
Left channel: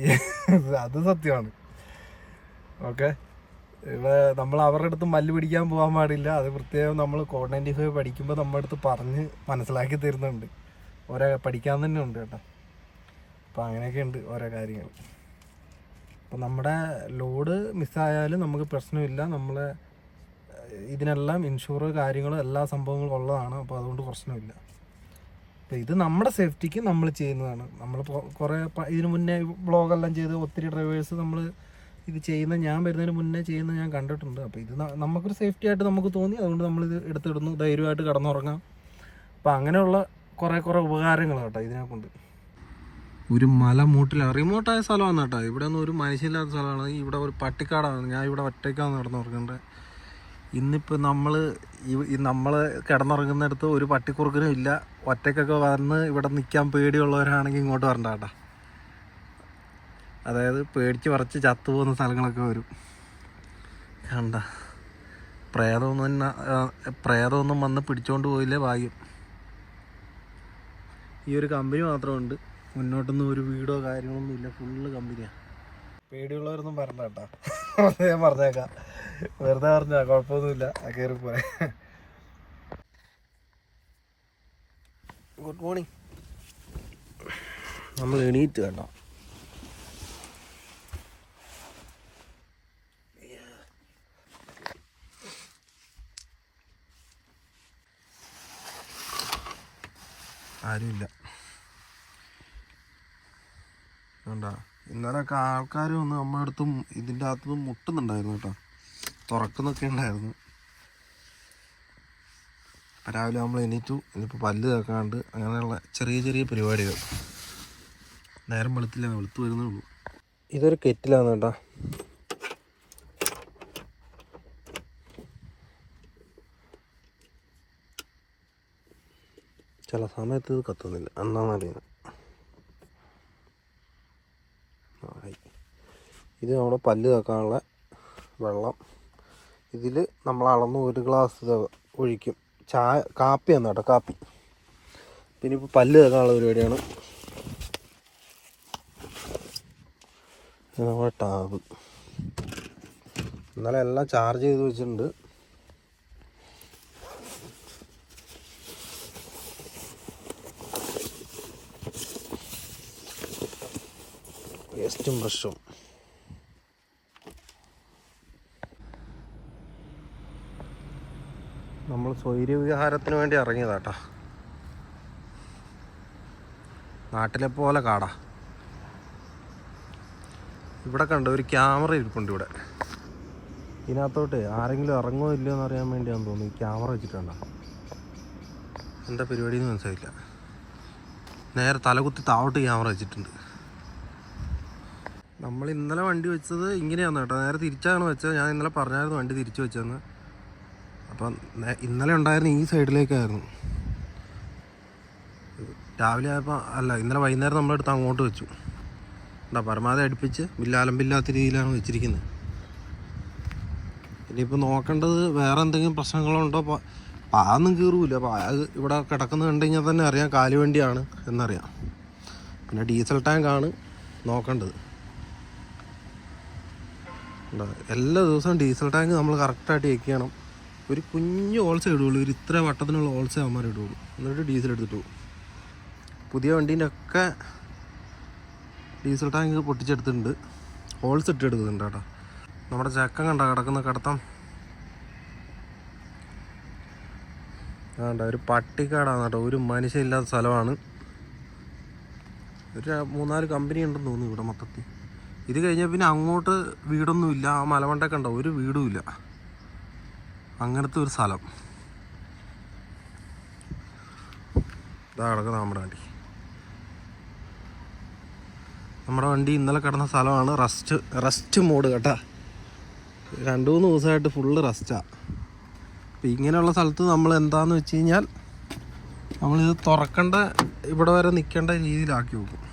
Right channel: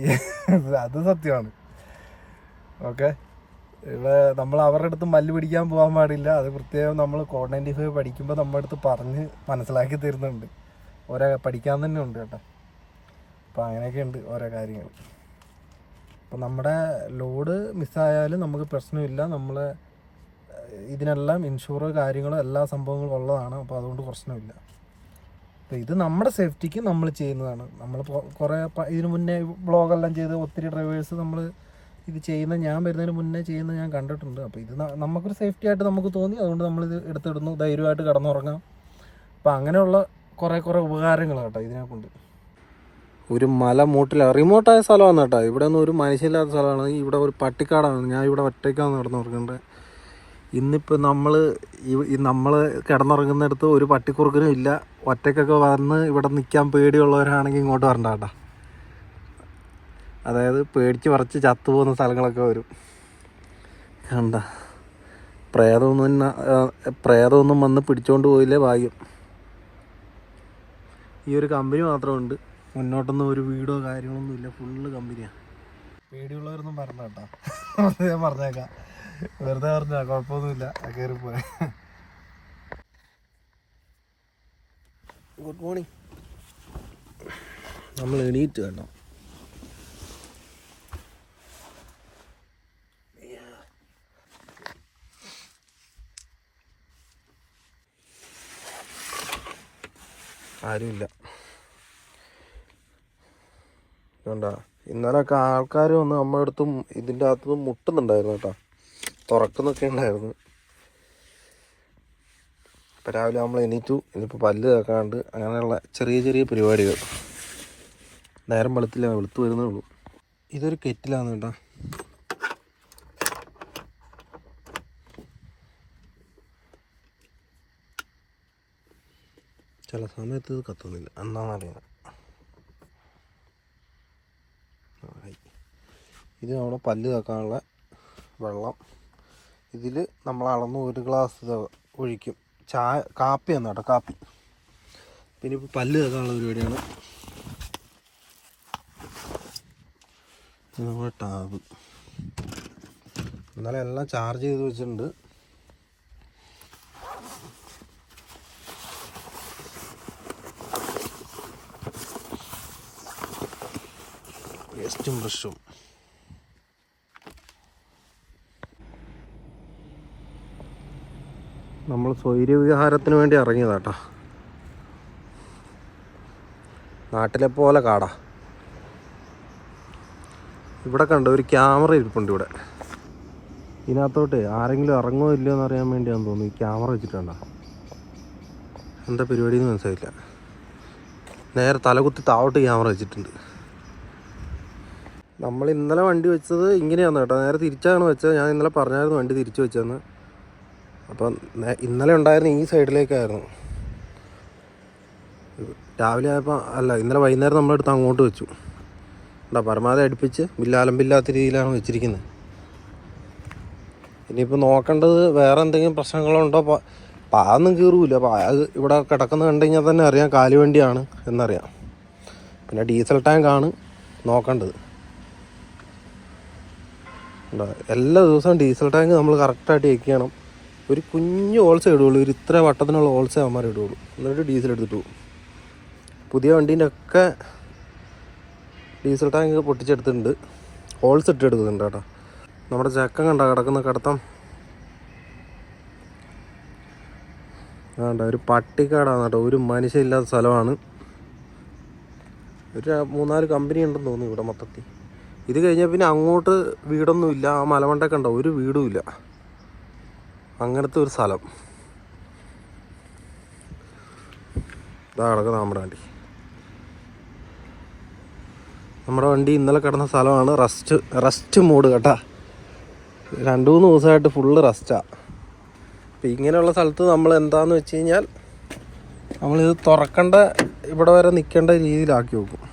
അത് സത്യമാണ്. ഓക്കെ? ഇവിടെ നമ്മൾ അവരുടെ അടുത്ത് മല്ല് പിടിക്കാൻ പോകാൻ പാടില്ല. അത് പ്രത്യേകം നമ്മൾ കോഡ് നയന്റി ഫൈവ് പഠിക്കുമ്പോൾ നമ്മുടെ അടുത്ത് പറഞ്ഞ് മനസ്സിലാക്കി തരുന്നുണ്ട്. ഓരോ പഠിക്കാൻ തന്നെ ഉണ്ട് കേട്ടോ. അപ്പോൾ അങ്ങനെയൊക്കെ ഉണ്ട് ഓരോ കാര്യങ്ങൾ. അപ്പോൾ നമ്മുടെ ലോഡ് മിസ്സായാലും നമുക്ക് പ്രശ്നമില്ല. നമ്മൾ ഇതിനെല്ലാം ഇൻഷുർ കാര്യങ്ങളും എല്ലാ സംഭവങ്ങളും ഉള്ളതാണ്. അപ്പോൾ അതുകൊണ്ട് പ്രശ്നമില്ല. അപ്പോൾ ഇത് നമ്മുടെ സേഫ്റ്റിക്ക് നമ്മൾ ചെയ്യുന്നതാണ്. നമ്മൾ കുറേ ഇതിനു മുന്നേ വ്ളോഗെല്ലാം ചെയ്ത് ഒത്തിരി ഡ്രൈവേഴ്സ് നമ്മൾ ഇത് ചെയ്യുന്ന ഞാൻ വരുന്നതിന് മുന്നേ ചെയ്യുന്ന ഞാൻ കണ്ടിട്ടുണ്ട്. അപ്പോൾ ഇത് നമുക്കൊരു സേഫ്റ്റി ആയിട്ട് നമുക്ക് തോന്നി. അതുകൊണ്ട് നമ്മളിത് എടുത്തിടുന്നു. ധൈര്യമായിട്ട് കടന്നുറങ്ങാം. അപ്പോൾ അങ്ങനെയുള്ള കുറേ കുറേ ഉപകാരങ്ങൾ കേട്ടോ ഇതിനെ കൊണ്ട് ഒരു മല മൂട്ടില റിമോട്ടായ സ്ഥലമാണ് കേട്ടോ. ഇവിടെ ഒന്നും ഒരു മനുഷ്യമില്ലാത്ത സ്ഥലമാണ്. ഇവിടെ ഒരു പട്ടിക്കാടാണ്. ഞാൻ ഇവിടെ ഒറ്റയ്ക്കാണ് നടന്നുറങ്ങേണ്ടത് ഇന്നിപ്പോൾ നമ്മൾ ഈ നമ്മൾ കിടന്നുറങ്ങുന്നിടത്ത് ഒരു പട്ടിക്കുറുക്കനും ഇല്ല. ഒറ്റയ്ക്കൊക്കെ വന്ന് ഇവിടെ നിൽക്കാൻ പേടിയുള്ളവരാണെങ്കിൽ ഇങ്ങോട്ട് വരണ്ട കേട്ടോ. അതായത് പേടിച്ച് പറിച്ച് ചത്തുപോകുന്ന സ്ഥലങ്ങളൊക്കെ വരും. കണ്ട. പ്രേതമൊന്നും പ്രേതമൊന്നും വന്ന് പിടിച്ചോണ്ട് പോയില്ലേ ഭാഗ്യം. ഈ ഒരു കമ്പനി മാത്രമുണ്ട്. മുന്നോട്ടൊന്നും ഒരു വീടോ കാര്യമൊന്നും ഇല്ല. ഫുള്ള് കമ്പനിയാണ് പേടിയുള്ളവരൊന്നും പറഞ്ഞ കേട്ടോ. ഞാൻ പറഞ്ഞേക്കാം. വെറുതെ പറഞ്ഞാ കുഴപ്പമൊന്നുമില്ല. കയറി പോരെ. ഗുഡ് മോർണിംഗ് നമ്മൾ എണീറ്റ് കേട്ടോ. ആരുമില്ല. കണ്ടാ ഇന്നലെയൊക്കെ ആൾക്കാർ വന്ന് നമ്മുടെ അടുത്തും ഇതിന്റെ അകത്തുനിന്ന് മുട്ടുന്നുണ്ടായിരുന്നു കേട്ടോ. തുറക്കുന്നൊക്കെ ഉണ്ടായിരുന്നു. അപ്പം രാവിലെ നമ്മൾ എണീറ്റു. ഇനിയിപ്പോൾ പല്ല് തേക്കാണ്ട് അങ്ങനെയുള്ള ചെറിയ ചെറിയ പരിപാടികൾ. നേരം വെളുത്തില്ല വെളുത്തു വരുന്നേ ഉള്ളൂ. ഇതൊരു കെറ്റിലാണ് കേട്ടോ. ചില സമയത്ത് ഇത് കത്തുന്നില്ല. എന്താണെന്നറിയാം. ഇത് നമ്മുടെ പല്ല് തേക്കാനുള്ള വെള്ളം. ഇതിൽ നമ്മൾ അളന്ന് ഒരു ഗ്ലാസ് ഒഴിക്കും. ചായ കാപ്പിയാണ് കേട്ടോ കാപ്പി. പിന്നെ ഇപ്പോൾ പല്ല് തേക്കാനുള്ള പരിപാടിയാണ്. നമ്മുടെ ടാബ്. ഇന്നലെ എല്ലാം ചാർജ് ചെയ്ത് വെച്ചിട്ടുണ്ട്. വേസ്റ്റും ബ്രഷും നമ്മൾ സ്വൈര്യവിഹാരത്തിന് വേണ്ടി ഇറങ്ങിയതാട്ടാ. നാട്ടിലെ പോലെ കാടാ. ഇവിടെ കണ്ട ഒരു ക്യാമറ ഇരിപ്പുണ്ട് ഇവിടെ. ഇതിനകത്തോട്ട് ആരെങ്കിലും ഇറങ്ങോ ഇല്ലയോ എന്ന് അറിയാൻ വേണ്ടിയാന്ന് തോന്നുന്നു. ഈ ക്യാമറ വെച്ചിട്ടുണ്ടോ എന്താ പരിപാടിയെന്ന് മനസ്സിലായില്ല. നേരെ തലകുത്തി താവോട്ട് ക്യാമറ വെച്ചിട്ടുണ്ട്. നമ്മൾ ഇന്നലെ വണ്ടി വെച്ചത് ഇങ്ങനെയാണ് കേട്ടോ. നേരെ തിരിച്ചാണ് വെച്ചത്. ഞാൻ ഇന്നലെ പറഞ്ഞായിരുന്നു വണ്ടി തിരിച്ചു വെച്ചതെന്ന് അപ്പം ഇന്നലെ ഉണ്ടായിരുന്ന ഈ സൈഡിലേക്കായിരുന്നു. രാവിലെ ആയപ്പോൾ അല്ല ഇന്നലെ വൈകുന്നേരം നമ്മളെടുത്ത് അങ്ങോട്ട് വെച്ചു. എന്താ പരമാവധി അടുപ്പിച്ച് ബില്ലാലമ്പില്ലാത്ത രീതിയിലാണ് വെച്ചിരിക്കുന്നത് ഇനിയിപ്പോൾ നോക്കേണ്ടത് വേറെ എന്തെങ്കിലും പ്രശ്നങ്ങളുണ്ടോ പാതൊന്നും കീറൂല അത് ഇവിടെ കിടക്കുന്ന കണ്ടു കഴിഞ്ഞാൽ തന്നെ അറിയാം കാലുവണ്ടിയാണ് എന്നറിയാം. പിന്നെ ഡീസൽ ടാങ്കാണ് നോക്കേണ്ടത്? എല്ലാ ദിവസവും ഡീസൽ ടാങ്ക് നമ്മൾ കറക്റ്റായിട്ട് ചെയ്യണം. ഒരു കുഞ്ഞ് ഓൾസ ഇടുള്ളൂ. ഒരു ഇത്ര വട്ടത്തിനുള്ള ഓൾസ അവന്മാർ ഇടുകയുള്ളൂ എന്നിട്ട് ഡീസൽ എടുത്തിട്ട് പോകും. പുതിയ വണ്ടീന്റെ ഒക്കെ ഡീസൽ ടാങ്ക് പൊട്ടിച്ചെടുത്തിട്ടുണ്ട്. ഹോൾസ് ഇട്ട് എടുക്കുന്നുണ്ട് കേട്ടോ. നമ്മുടെ ചക്കം കണ്ട കിടക്കുന്ന കിടത്തം. വേണ്ട ഒരു പട്ടിക്കാടാണ് കേട്ടോ. ഒരു മനുഷ്യയില്ലാത്ത സ്ഥലമാണ്. ഒരു മൂന്നാൽ കമ്പനി ഉണ്ടെന്ന് തോന്നുന്നു ഇവിടെ മൊത്തത്തിൽ. ഇത് കഴിഞ്ഞാൽ പിന്നെ അങ്ങോട്ട് വീടൊന്നുമില്ല. ആ മലമണ്ടൊക്കെ കണ്ടോ ഒരു വീടും ഇല്ല. അങ്ങനത്തെ ഒരു സ്ഥലം. ഇതാ കിടക്കുന്ന നമ്മുടെ വണ്ടി. നമ്മുടെ വണ്ടി ഇന്നലെ കിടന്ന സ്ഥലമാണ് റസ്റ്റ് റസ്റ്റ് മൂഡ് കേട്ടാ. രണ്ട് മൂന്ന് ദിവസമായിട്ട് ഫുള്ള് റസ്റ്റാണ് അപ്പം ഇങ്ങനെയുള്ള സ്ഥലത്ത് നമ്മൾ എന്താണെന്ന് വെച്ച് കഴിഞ്ഞാൽ നമ്മളിത് തുറക്കേണ്ട ഇവിടെ വരെ നിൽക്കേണ്ട രീതിയിലാക്കി വെക്കും.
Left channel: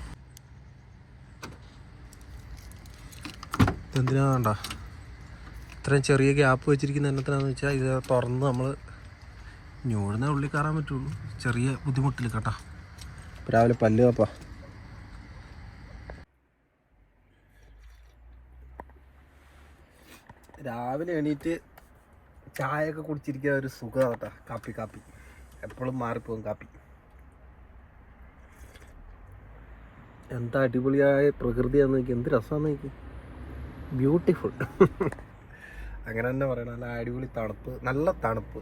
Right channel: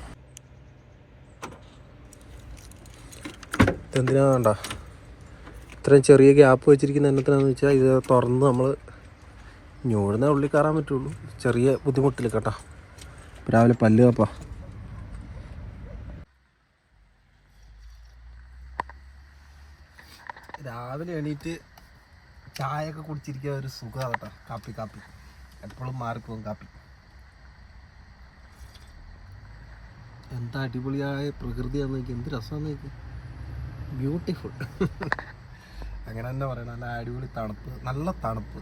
എന്തിനാ വേണ്ട? ഇത്രയും ചെറിയ ഗ്യാപ്പ് വെച്ചിരിക്കുന്ന എന്നത്തിനാന്ന് വെച്ചാൽ ഇത് തുറന്ന് നമ്മൾ ഞോടുന്ന ഉള്ളിൽ കയറാൻ പറ്റുള്ളൂ. ചെറിയ ബുദ്ധിമുട്ടില്ല കേട്ടോ. രാവിലെ പല്ല് കപ്പാ രാവിലെ എണീറ്റ് ചായയൊക്കെ കുടിച്ചിരിക്കുക ഒരു സുഖമാണ് കേട്ടോ. കാപ്പി കാപ്പി. എപ്പോഴും മാറിപ്പോകും കാപ്പി. എന്താ അടിപൊളിയായ പ്രകൃതിയാണെന്ന് നോക്കി. എന്ത് രസമാണെന്ന് നോക്കി. ബ്യൂട്ടിഫുൾ അങ്ങനെ തന്നെ പറയണം. നല്ല അടിപൊളി തണുപ്പ്. നല്ല തണുപ്പ്.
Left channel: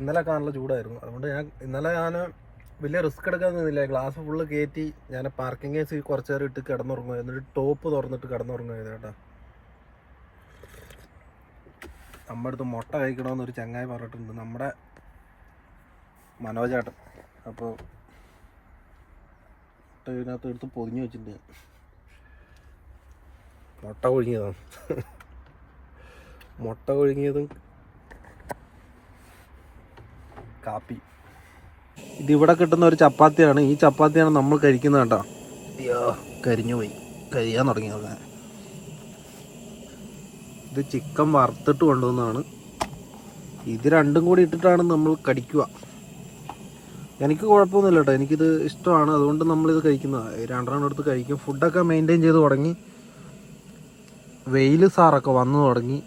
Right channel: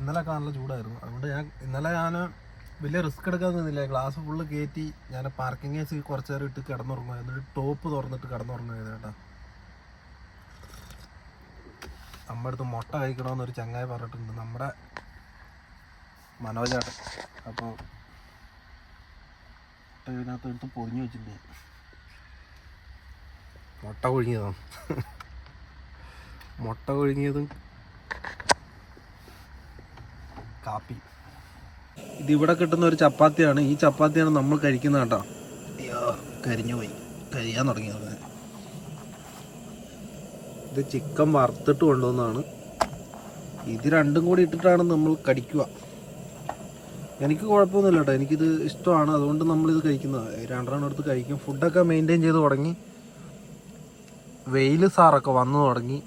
ഇന്നലെയൊക്കെ നല്ല ചൂടായിരുന്നു. അതുകൊണ്ട് ഞാൻ ഇന്നലെ ഞാൻ വലിയ റിസ്ക് എടുക്കാൻ നിന്നില്ല. ഗ്ലാസ് ഫുള്ള് കയറ്റി ഞാൻ പാർക്കിംഗ് കേസ് കുറച്ച് നേരം ഇട്ട് കിടന്നുറങ്ങുക എന്നിട്ട് ടോപ്പ് തുറന്നിട്ട് കിടന്നുറങ്ങുക കേട്ടോ. നമ്മുടെ അടുത്ത് മുട്ട കഴിക്കണമെന്ന് ഒരു ചങ്ങായി പറഞ്ഞിട്ടുണ്ട്. നമ്മുടെ മനോജാട്ടൻ അപ്പോൾ മുട്ട ഇതിനകത്ത് എടുത്ത് വെച്ചിട്ടുണ്ട് ഞാൻ. മുട്ട കൊഴുങ്ങിയതാണ് മുട്ട കൊഴുങ്ങിയതും കാപ്പി. ഇതിവിടെ കിട്ടുന്ന ഒരു ചപ്പാത്തിയാണ്. ഈ ചപ്പാത്തിയാണ് നമ്മൾ കഴിക്കുന്നത് കേട്ടോ. അയ്യോ കരിഞ്ഞു പോയി. കരിയാൻ തുടങ്ങി ഇത് ചിക്കൻ വറുത്തിട്ട് കൊണ്ടുവന്നതാണ്. ഇത് രണ്ടും കൂടി ഇട്ടിട്ടാണ് നമ്മൾ കടിക്കുക. എനിക്ക് കുഴപ്പമൊന്നുമില്ല കേട്ടോ. എനിക്കിത് ഇഷ്ടമാണ്. അതുകൊണ്ട് നമ്മളിത് കഴിക്കുന്നത്. രണ്ടെണ്ണം എടുത്ത് കഴിക്കും. ഫുഡൊക്കെ മെയിന്റെയിൻ ചെയ്ത് തുടങ്ങി. വെയിൽ സാറൊക്കെ വന്നു തുടങ്ങി.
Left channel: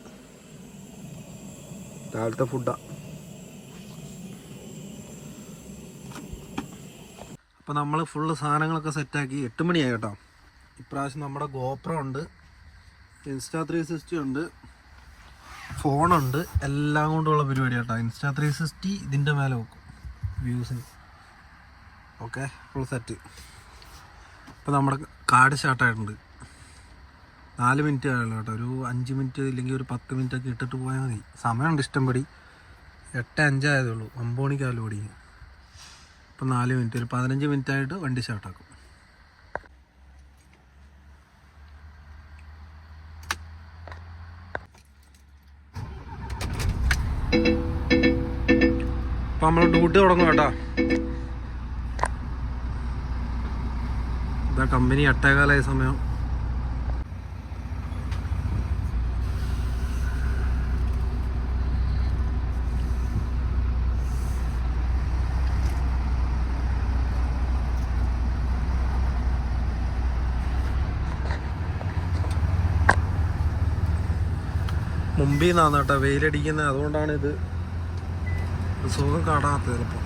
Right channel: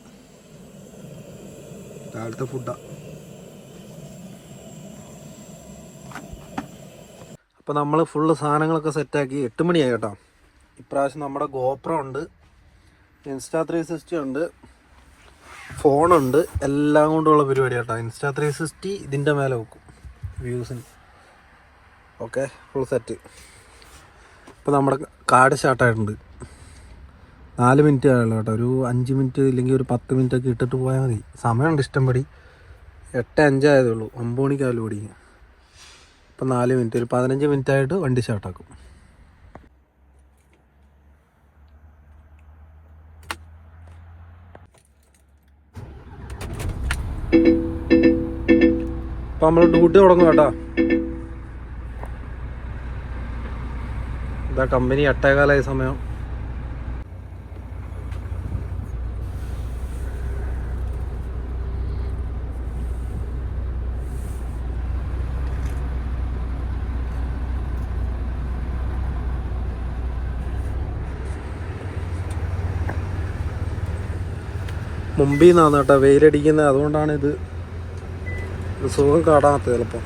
രാവിലത്തെ ഫുഡാണ് അപ്പോൾ നമ്മൾ ഫുള്ള് സാധനങ്ങളൊക്കെ സെറ്റാക്കി എട്ട് മണിയായി കേട്ടോ. ഇപ്രാവശ്യം നമ്മുടെ ഗോപ്രം ഉണ്ട്. ഇൻസ്റ്റാ ത്രീ സിക്സ്റ്റി ഉണ്ട്. ഫോണുണ്ട് എല്ലാം കൊണ്ടുള്ള പരിപാടി കേട്ടോ. ഇൻസ്റ്റാ ത്രീ സിക്സ്റ്റി ഇതിന്റെ മേലെ വെക്കും. വ്യൂസിന്. ഓക്കെ ഫുൾ സെറ്റ് ഇപ്പോൾ നമ്മുടെ കാട് സ്റ്റാർട്ടായിട്ടുണ്ട് നാല് മിനിറ്റ് ആയുള്ളൂ കേട്ടോ. ഒരു അഞ്ച് മിനിറ്റ് ഇല്ലെങ്കിൽ ഒരു പത്ത് മിനിറ്റ് ഒക്കെ ഇട്ടിട്ട് പോയാൽ മതി. സമയമുണ്ട് ഇഷ്ടംപടി. എട്ട് അഞ്ചായതേ ഉള്ളൂ. ഒമ്പത് മണിക്കാലും ഓടി ഇപ്പം നാല് മിനിറ്റ്. ഒരു പതിനഞ്ച് മിനിറ്റ് ആയിട്ട് വണ്ടി സ്റ്റാർട്ടാക്കും അപ്പം നമ്മൾ ഡ്യൂട്ടി തുടങ്ങും കേട്ടോ. ഇതാ കമ്പനി എട്ടേകാലായ സമയം. മുമ്പിൽ നിന്നാണ് കേട്ടോ വെയിലടിക്കുന്നത്. അതുകൊണ്ടാണ് ഇത് സുഖം കാണാത്തത് ചിലപ്പോൾ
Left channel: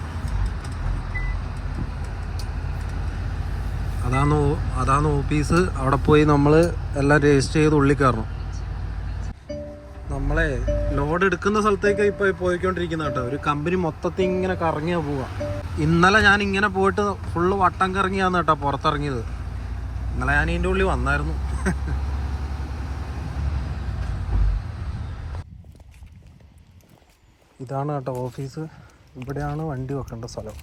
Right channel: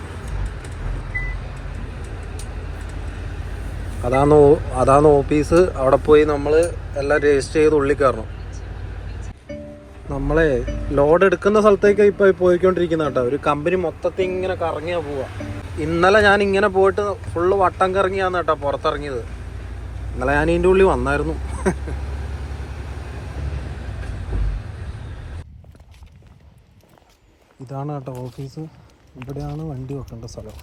അതാണ് അതാണ് ഓഫീസ് അവിടെ പോയി നമ്മൾ എല്ലാം രജിസ്റ്റർ ചെയ്ത് ഉള്ളിൽ കയറണം. നമ്മളെ ലോഡ് എടുക്കുന്ന സ്ഥലത്തേക്ക് ഇപ്പോൾ പോയിക്കൊണ്ടിരിക്കുന്ന കേട്ടോ ഒരു കമ്പനി മൊത്തത്തിൽ ഇങ്ങനെ കറങ്ങിയാ പോവാ. ഇന്നലെ ഞാൻ ഇങ്ങനെ പോയിട്ട് ഫുള്ള് വട്ടം കറങ്ങിയാന്ന് കേട്ടോ പുറത്തിറങ്ങിയത്. ഇന്നലെ ഞാൻ ഇതിന്റെ ഉള്ളിൽ വന്നായിരുന്നു. ഇതാണ് കേട്ടോ ഓഫീസ്. ഇവിടെയാണ് വണ്ടി വെക്കേണ്ട സ്ഥലം.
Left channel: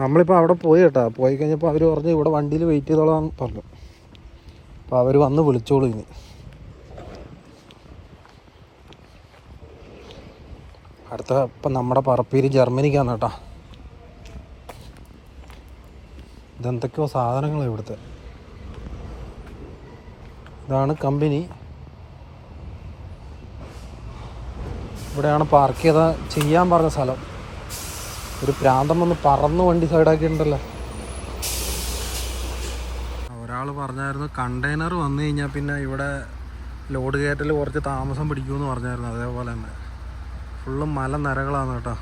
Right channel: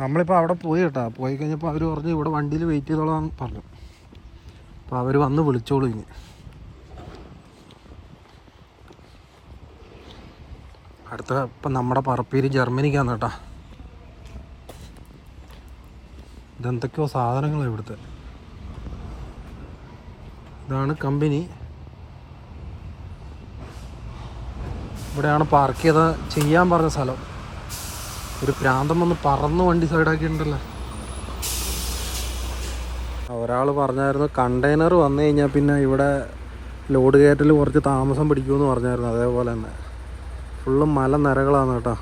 നമ്മളിപ്പോൾ അവിടെ പോയി കേട്ടോ. പോയി കഴിഞ്ഞപ്പോൾ അവർ പറഞ്ഞു ഇവിടെ വണ്ടിയിൽ വെയിറ്റ് ചെയ്തോളാം പറഞ്ഞു. അപ്പോൾ അവർ വന്ന് വിളിച്ചോളൂ ഇനി. അടുത്ത ഇപ്പം നമ്മുടെ പറപ്പീര് ജർമ്മനിക്കാണ് കേട്ടോ. ഇതെന്തൊക്കെയോ സാധനങ്ങളാണ് ഇവിടുത്തെ. ഇതാണ് കമ്പനി. ഇവിടെയാണ് പാർക്ക് ചെയ്ത ചെയ്യാൻ പറഞ്ഞ സ്ഥലം. ഒരു പ്രാന്തം വന്ന് പറന്ന് വണ്ടി സൈഡാക്കിയിട്ടുണ്ടല്ലോ ഒരാൾ പറഞ്ഞായിരുന്നു കണ്ടെയ്നർ വന്നു കഴിഞ്ഞാൽ പിന്നെ ഇവിടെ ലോഡ് കയറ്റൽ കുറച്ച് താമസം പിടിക്കുമെന്ന് പറഞ്ഞായിരുന്നു. അതേപോലെ തന്നെ. ഫുള്ള് മല നിരകളാണ് കേട്ടോ.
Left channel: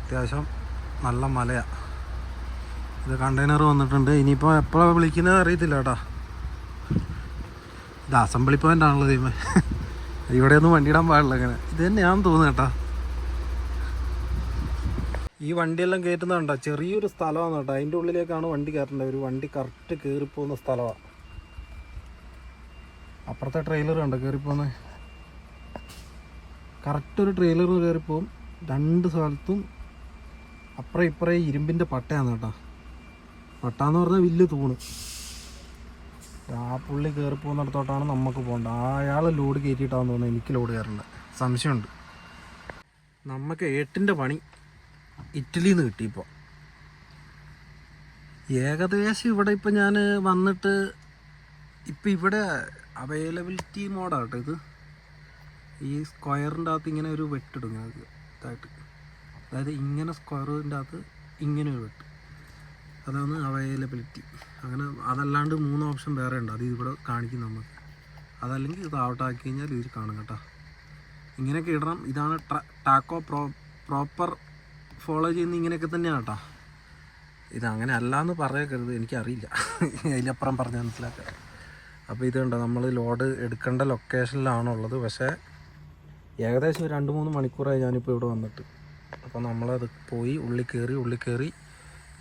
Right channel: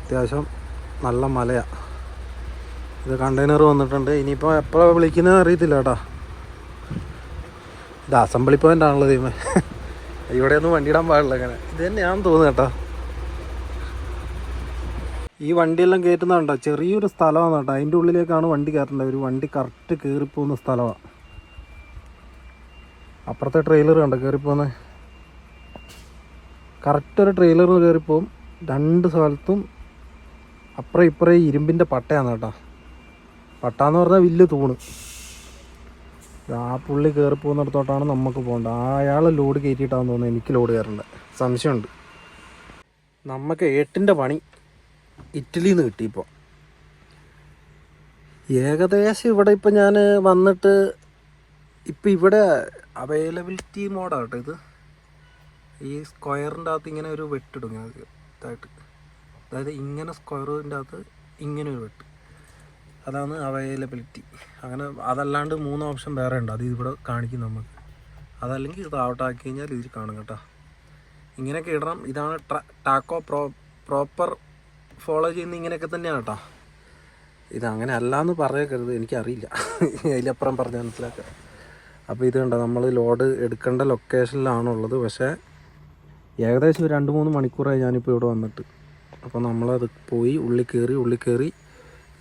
അത്യാവശ്യം നല്ല മലയാണ് ഇത് കണ്ടെയ്നർ വന്നിട്ടുണ്ട്. ഇനിയിപ്പോൾ എപ്പോഴാണ് വിളിക്കുന്നത് അറിയത്തില്ല കേട്ടോ. ഇത് അസംബ്ലി പോയിന്റ് ആണല്ലോ ദൈവമേ. ഇവിടെ ഒന്നും വണ്ടി ഇടാൻ പാടില്ല അങ്ങനെ. ഇത് തന്നെയാണെന്ന് തോന്നുന്നു കേട്ടോ. ഈ വണ്ടിയെല്ലാം കയറ്റുന്നതുണ്ടോ ചെറിയൊരു സ്ഥലമാണ് കേട്ടോ. അതിന്റെ ഉള്ളിലേക്കാണ് വണ്ടി കയറേണ്ടത്. ഒരു വണ്ടി കറക്റ്റ് കയറിപ്പോകുന്ന സ്ഥലമാണ്. അപ്പുറത്തെ ട്രെയിലർ കണ്ടോ? കയറിപ്പോകുന്നത് കറക്റ്റ് ഒരു ട്രെയിലർ കയറിപ്പോവും രണ്ട് സ്ഥലത്തും അപ്പുറം ഇപ്പുറം ഇരുമ്പിന്റെ പട്ടയാണ് കേട്ടോ. പട്ടാന്ന് പറഞ്ഞാൽ വലിയ തൂണ്. ആ പുള്ളി കയറി പോകുന്നിടത്തോട്ടാണ് നമുക്ക് പോകേണ്ടത്. അയാൾ ലോഡ് കയറ്റിയിട്ടാണെന്ന് തോന്നുന്നു എനിക്ക് ലോഡ് കയറേണ്ടത് സംശയമുണ്ട്. നമുക്ക് ഏട്ടിന്റെ പണി ഇറ്റലിയിൽ നിന്ന് കിട്ടി ഇപ്പോൾ ഏകദേശം ഇവിടെ ഇപ്പം ഞാൻ വന്നിട്ട് ഇപ്പം ഇവിടെ അവൈലബിലിറ്റി മോഡാണ് കേട്ടോ ഇത്. ഈ സ്ക്വയറിന്റെ അകത്ത് ഇങ്ങനെ ഒരു വെട്ടിടും ഞങ്ങൾക്ക് ഇതായിട്ട്. അതായത് ഇങ്ങനെ സ്ക്വയറിന്റെ അകത്ത് ഇങ്ങനെ ഒരു വെട്ട്. അതാണ് അവൈലബിലിറ്റി അങ്ങനെ അതല്ലാണ്ട് മൂന്ന് ഓപ്ഷൻ വേറെ ഉണ്ട്. അത് ഇവിടെ കാണിക്കും നമുക്ക്. അതല്ലെങ്കിൽ ഇത് ഔട്ട് ആക്കി കഴിഞ്ഞാൽ ഇതിൽ കാണും കേട്ടോ. ഇങ്ങനെയൊക്കെ ഇടണം. ഇതാണ് ടാക്കോ പ്രോ പ്രോപ്പർ ഫോളോ ചെയ്യുന്ന ഇങ്ങനെയൊക്കെ തന്നെയാണ് കേട്ടോ. ഇത് അങ്ങനെ അല്ല എന്ന് പറയരുത്. എനിക്കറിയില്ല. അതിലപ്പുറം പറഞ്ഞ് മനസ്സിലാക്കാം. അപ്പോൾ ഇത് കണ്ടോ? നമ്മൾ ലോഡ് എടുക്കേണ്ട ലൊക്കേഷനിലാണുള്ളത് പക്ഷേ ഏകദേശം രണ്ട് മൂന്ന് മണിക്കൂറായി ഞാനിപ്പോൾ ഇവിടെ വന്നിട്ട്. അപ്പോൾ നമ്മളത് പോയി ഉള്ളിൽ കയറി ഉള്ളിൽ കയറി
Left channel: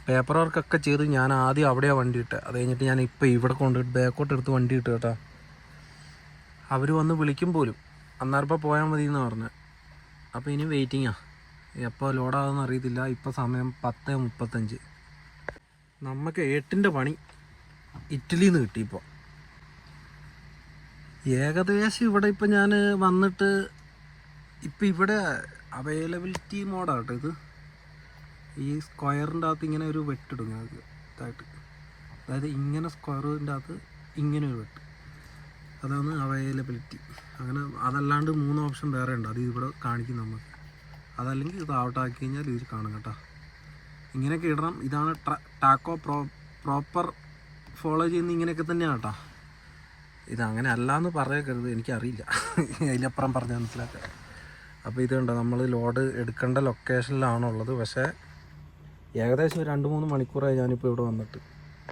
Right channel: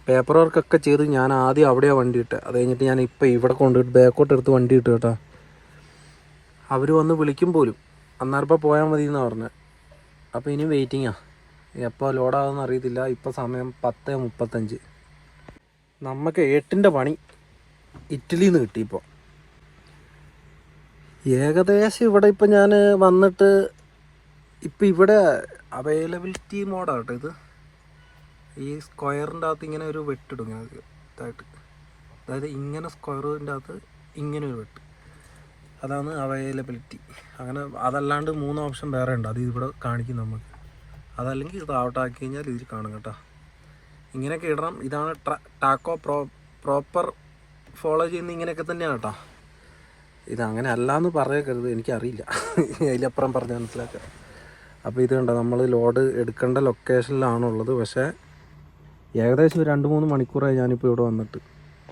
പേപ്പർ വർക്കൊക്കെ ചെയ്ത് ഞാൻ ആദ്യം അവിടെയാണ് വണ്ടി ഇട്ടത് അത് കഴിഞ്ഞിട്ട് ഞാൻ ഇപ്പോൾ ഇവിടെ കൊണ്ടുപോയിട്ട് ബാക്കോട്ട് എടുത്ത് വണ്ടി ഇട്ട് കേട്ടോ. അവർ വന്ന് വിളിക്കും പോലും. അന്നാർപ്പം പോയാൽ മതി എന്നാണ് പറഞ്ഞത് അപ്പോൾ ഇനി വെയിറ്റിങ്ങാ എപ്പോൾ ലോഡാകുമെന്ന് അറിയത്തില്ല. ഇപ്പോൾ സമയം പത്ത് മുപ്പത്തഞ്ച്. നമുക്ക് ഏട്ടിന്റെ പണി ഇറ്റലിയിൽ നിന്ന് ഇപ്പോൾ ഏകദേശം ഇവിടെ ഇപ്പം ഞാൻ വന്നിട്ട് ഇപ്പം ഇവിടെ അവൈലബിലിറ്റി മോഡാണ് കേട്ടോ ഇത്. ഈ സ്ക്വയറിന്റെ അകത്ത് ഇങ്ങനെ ഒരു വെട്ടിടും ഞങ്ങൾക്ക് ഇതായിട്ട്. അതായത് ഇങ്ങനെ സ്ക്വയറിന്റെ അകത്ത് ഇങ്ങനെ ഒരു വെട്ട്. അതാണ് അവൈലബിലിറ്റി അങ്ങനെ അതല്ലാണ്ട് മൂന്ന് ഓപ്ഷൻ വേറെ ഉണ്ട്. അത് ഇവിടെ കാണിക്കും നമുക്ക്. അതല്ലെങ്കിൽ ഇത് ഔട്ട് ആക്കി കഴിഞ്ഞാൽ ഇതിൽ കാണും കേട്ടോ. ഇങ്ങനെയൊക്കെ ഇടണം. ഇതാണ് ടാക്കോ പ്രോ പ്രോപ്പർ ഫോളോ ചെയ്യുന്ന ഇങ്ങനെയൊക്കെ തന്നെയാണ് കേട്ടോ. ഇത് അങ്ങനെ അല്ലാന്ന് പറയരുത്. എനിക്കറിയില്ല. അതിലപ്പുറം പറഞ്ഞ് മനസ്സിലാക്കാം. അപ്പോൾ ഇത് കണ്ടോ? നമ്മൾ ലോഡ് എടുക്കേണ്ട ലൊക്കേഷനിലാണുള്ളത് പക്ഷേ ഏകദേശം രണ്ട് മൂന്ന് മണിക്കൂറായി ഞാനിപ്പോൾ ഇവിടെ വന്നിട്ട്.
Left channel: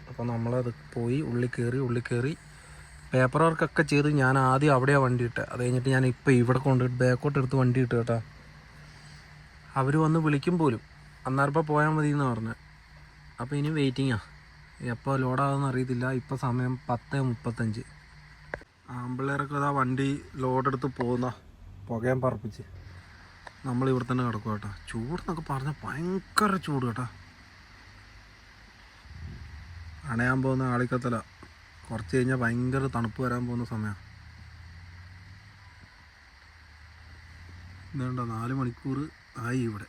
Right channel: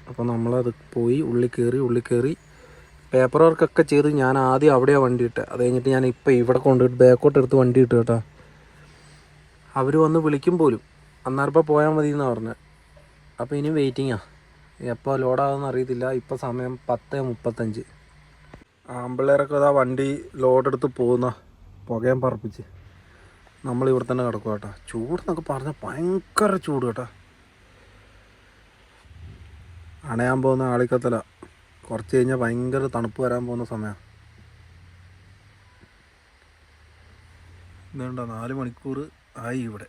അപ്പോൾ നമ്മളത് പോയി ഉള്ളിൽ കയറി ഉള്ളിൽ കയറി പേപ്പർ വർക്കൊക്കെ ചെയ്ത് ഞാൻ ആദ്യം അവിടെയാണ് വണ്ടി ഇട്ടത് അത് കഴിഞ്ഞിട്ട് ഞാൻ ഇപ്പോൾ ഇവിടെ കൊണ്ടുപോയിട്ട് ബാക്കോട്ട് എടുത്ത് വണ്ടി ഇട്ട് കേട്ടോ. അവർ വന്ന് വിളിക്കും പോലും. അന്നാർപ്പം പോയാൽ മതി എന്നാണ് പറഞ്ഞത് അപ്പോൾ ഇനി വെയിറ്റിങ്ങാ എപ്പോൾ ലോഡാകുമെന്ന് അറിയത്തില്ല. ഇപ്പോൾ സമയം പത്ത് മുപ്പത്തഞ്ച്. ആമ്പിള്ളേരൊക്കെ അതാ വണ്ടി ലോഡെടുത്ത് പോകുന്ന. പുകയും പറപ്പിച്ച്. നമ്മൾ ഇവിടെ തന്നെ കിടക്കും കേട്ടോ ചൂടെന്നൊക്കെ പറഞ്ഞാൽ ഭയങ്കര ചൂട് കേട്ടോ. അണയാൻ പോകുന്ന ആളിക്കത്തല. കുറച്ച് കഴിഞ്ഞാൽ ഭയങ്കര തണുപ്പ് വരാൻ പോകുന്ന സമയമാണ് ഇതുണ്ടോ നാല് മണിക്കൂർ ആയി ഇവിടെ.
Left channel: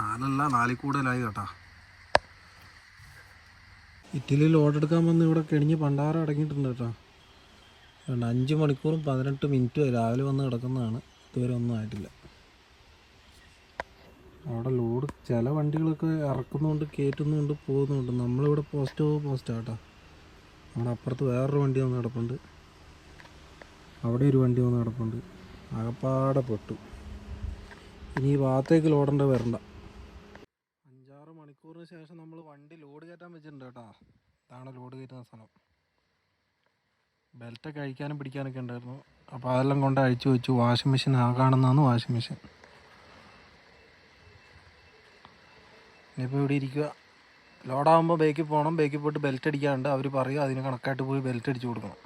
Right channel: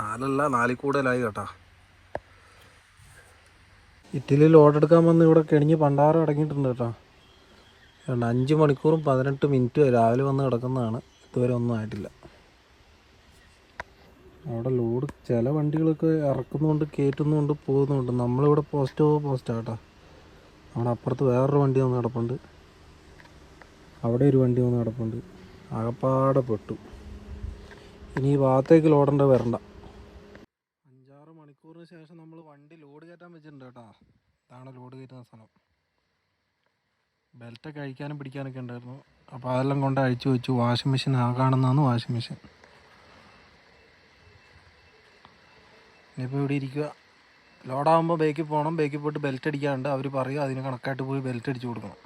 നാലല്ല നാലിൽ കൂടുതലായി കേട്ടാ. ഇറ്റലിയിൽ ഓർഡർ എടുക്കാൻ വന്ന് ഇവിടെ കെണിഞ്ഞ് പണ്ടാരം അടങ്ങിയിട്ടുണ്ട് കേട്ടോ. അഞ്ച് മണിക്കൂറും പതിനെട്ട് മിനിറ്റും രാവിലെ വന്ന് കിടക്കുന്നതാണ്. ഇതുവരെ ഒന്നും ആയിട്ടില്ല. അവിടെ ലോഡ് ചില വണ്ടികളൊക്കെ ഇറക്കുന്നുണ്ട് കയറ്റുന്നുണ്ട് പോകുന്നുണ്ട് നമ്മളിവിടെ പോസ്റ്റ് പോസ്റ്റാ കേട്ടോ. അവിടെ അപ്പുറത്ത് വേറൊരു വണ്ടി വന്ന് കിടപ്പുണ്ട്. അവിടെ ഒരു വണ്ടി വന്ന് കിടപ്പുണ്ട്. ആകപ്പാടെ പെട്ടു. ഇനി ഈ ഭാഗത്തേക്ക് ലോഡേണ്ട വരണ്ട. അഞ്ചാറ് മണിക്കൂറിന് ശേഷം നമ്മൾ വണ്ടി ലോഡ് കയറ്റാൻ വെച്ചിട്ടുണ്ട് കേട്ടോ. ഇതാണ് ലോഡ് കയറ്റുന്ന സ്ഥലം. ബെൽറ്റൊക്കെ അഴിക്കാനും പിടിക്കാനൊക്കെ ഉണ്ടായിരുന്നു. അപ്പോൾ അതെല്ലാം കൊണ്ട് അഴിച്ചു വെച്ചു. വാഷിംഗ് മെഷീൻ ആ കാണുന്നതാണ് വാഷിംഗ് മെഷീൻ ഇനിയിപ്പോൾ ഇവിടെ ഇരിക്കുക. ലോഡാകുമ്പോൾ ബേക്കിൽ പോകണം ബേക്കിൽ പോയിട്ട് ബെൽറ്റ് അടിക്കാണ്ട് അവർ പറയും അതിന് കണക്കായിട്ട് പോയി ബെൽറ്റ് അടിച്ചു കൊടുക്കണം.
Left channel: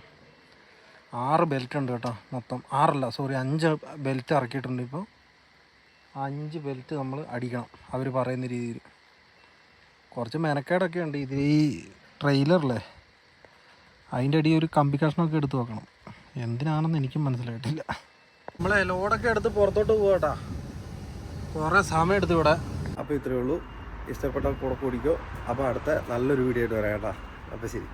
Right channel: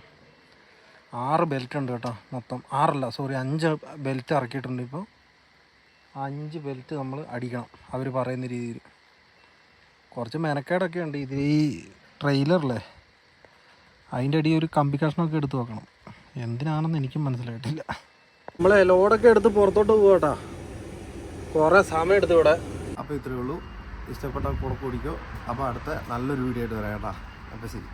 ആറ് ബെൽറ്റ് ഉണ്ട് കേട്ടോ മൊത്തം. ആറല്ല സോറി അഞ്ച് ബെൽറ്റ് ഇറക്കിയിട്ടുണ്ട് ഇപ്പോൾ അഞ്ച് ബെൽറ്റ് നമ്മൾ അടിക്കണം അവർ പറയുന്ന രീതിയിൽ കുറച്ച് മെനക്കേടൊക്കെ ഉണ്ട്. ഇത് ഈ ട്രെയിലറില്ലേ അതിന്റെ അടിയിൽ ഒരു കമ്പി കഷ്ണമൊക്കെ എടുത്ത് വെക്കണം. എന്തിനാണെന്ന് എനിക്കും മനസ്സിലായിട്ടില്ല. നമ്മളെ ലോഡൊക്കെ എടുത്ത് പുറത്തോട്ട് പോകട്ടാ കുറേ സമയം എടുത്തു ഇവിടെ. അപ്പോൾ ഇത്രയേ ഉള്ളൂ. ഇഷ്ടപ്പെട്ട കൂടെ കൂടിക്കോ. അപ്പോൾ അടുത്ത നല്ലൊരു വീഡിയോ ആയിട്ട് വരാം കേട്ടോ. അപ്പോൾ ശരി.